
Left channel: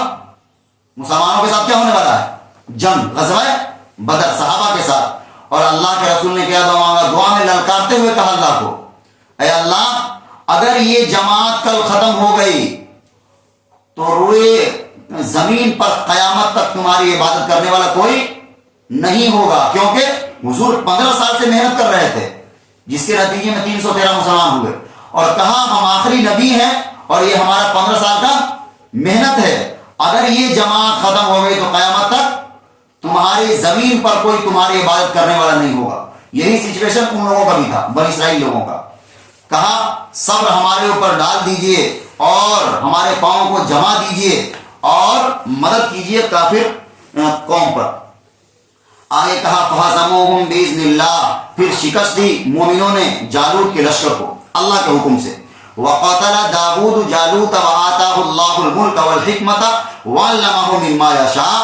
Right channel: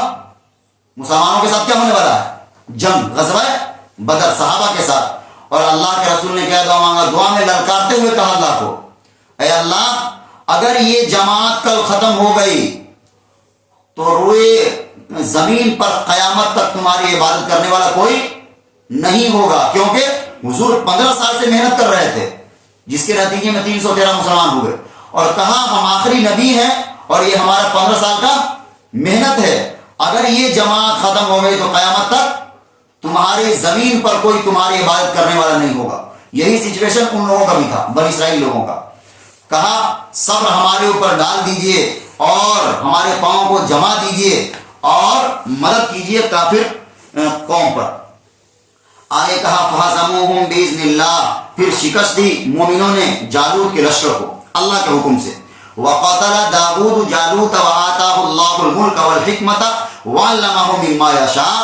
مسلمانوں کے ساتھ کیا ہونے والا ہے, جنگ, غزوہ بدر صحابہ کے ساتھ. اور اللہ کے رسول نے کیا دعا مانگا, دعا میں للکارتے ہوئے کہا اللہ کو, اے اللہ اگر یہ جماعت کل ختم ہو گئی تو روئے زمین پر قیامت تک تمہاری عبادت کرنے والا کوئی نہیں ہوگا. کیونکہ حضور 15 سال سے محنت کر رہے تھے, جس کے نتیجے میں 313 مسلمان ہوئے. اور کہا ہم آخری نبی ہیں اور یہ ہمارا 15 سال کا محنت ہے. اگر یہ جماعت ختم ہو گئی تو قیامت تک تمہاری زمین پر کوئی تمہاری عبادت کرنے والا نہیں ہوگا. یہی سچویشن ان لوگوں کا بھی تھا، بنی اسرائیل لوگوں کا. کہا صبر ہمارے اوپر ڈال دیجئے اور ہمارے پاؤں کو جما دیجئے اور مدد کیجئے کافر قوم پر. آگے کہا فہزموہم بإذن اللہ، پھر شکست دی مومنوں نے جالوت کے لشکر کو اللہ کے حکم سے. وقتل داود جالوت وآتاہ اللہ الملک والحکمت وعلمہ مما یشاء،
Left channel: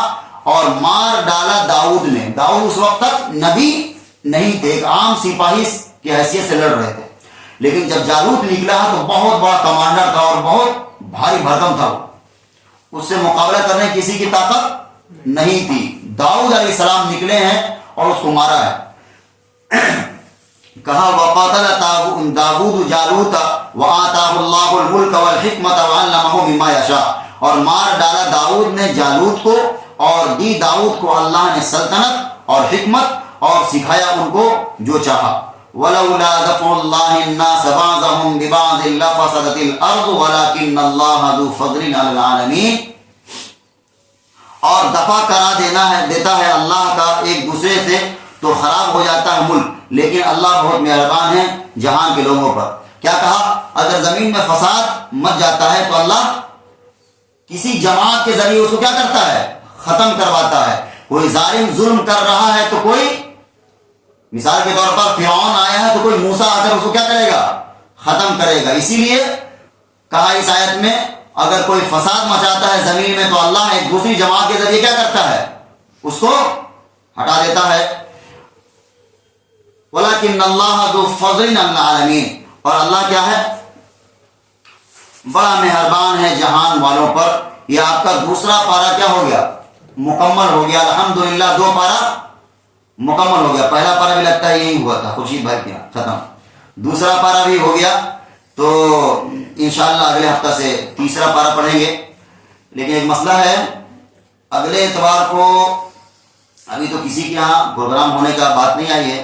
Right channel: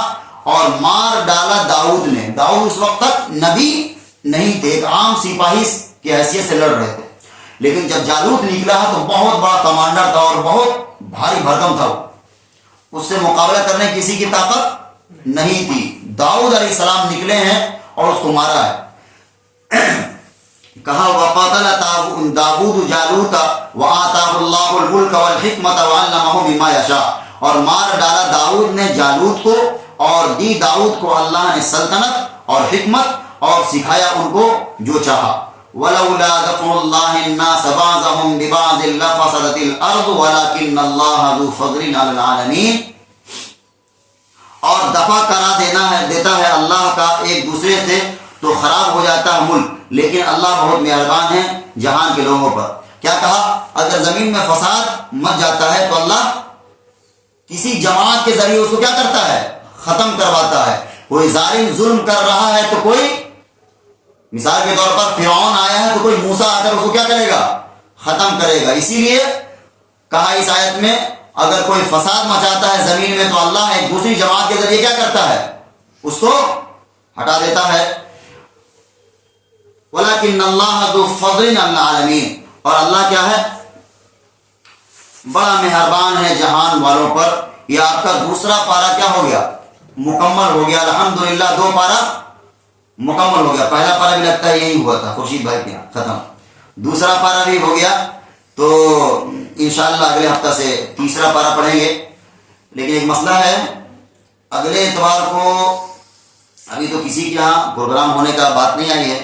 اور مار ڈالا داؤد نے. داؤد اس وقت تک نبی نہیں تھے، ایک عام سپاہی کی حیثیت سے لڑ رہے تھے، لیکن جب جالوت نکلا تو بہت بڑا کمانڈر تھا اور بہت بھاری بھرکم تھا. اس سے مقابلہ کرنے کسی کی طاقت نہیں تھی. داؤد علیہ السلام نکلے ہیں اور اس کو مارا ہے. کہا وقاتل داود جالوت وآتاہ اللہ الملک والحکمت وعلمہ مما یشاء، اور مار ڈالا داؤد نے جالوت کو اور دی داؤد کو اللہ نے سلطنت اور حکمت اور سکھایا ان کو جو چاہا. ولولا دفع اللہ الناس بعضهم ببعض لفسدت الارض ولکن اللہ ذو فضل علی العالمین. اور دفع کرا دیتا ہے اللہ کا ایک دوسرے سے تو خراب ہو جاتا ہے ملک، لیکن اللہ بہت مہربان ہے جہان کے لوگوں پر. کیا کہا؟ اگر زمین میں فساد مچ جاتا ہے تو اللہ کسی جماعت کے ذریعے اس کو کیا کرتا ہے؟ ختم کرواتا ہے. کوئی ظالم ظلم کر رہا ہے تو کوئی، مثال کے طور پر فرعون آیا ہے تو کوئی موسیٰ آ کر اس کو کیا کرے گا؟ ختم کرے گا. اسی لیے کہا اس آیت میں اگر کوئی فساد مچاتا ہے زمین میں تو اللہ ایک دوسری جماعت کے ذریعے کیا کرتا ہے؟ اس کو ہٹا دیتا ہے. وَلَكِنَّ اللَّهَ ذُو فَضْلٍ عَلَى الْعَالَمِينَ، اور اللہ کیا ہے؟ بڑا مہربان ہے جہان والوں پر. یہ آپ کا دوسرا پارہ کیا ہو گیا؟ مکمل ہو گیا. الحمدللہ 2 پارہ مکمل ہو گیا. پہلا پارہ بھی لگتا ہے یہی ہوا تھا، خورشید بھائی کیا ختم. دوسرا پارہ بھی ہو گیا تو انشاءاللہ اگلے ہفتہ سے تیسرا پارہ پڑھیں گے. لیکن ایک مسئلہ ہے، اگلے اتوار کو ابھی تو کسی کے یہاں پروگرام ہونے کا بات نہیں آئی ہے،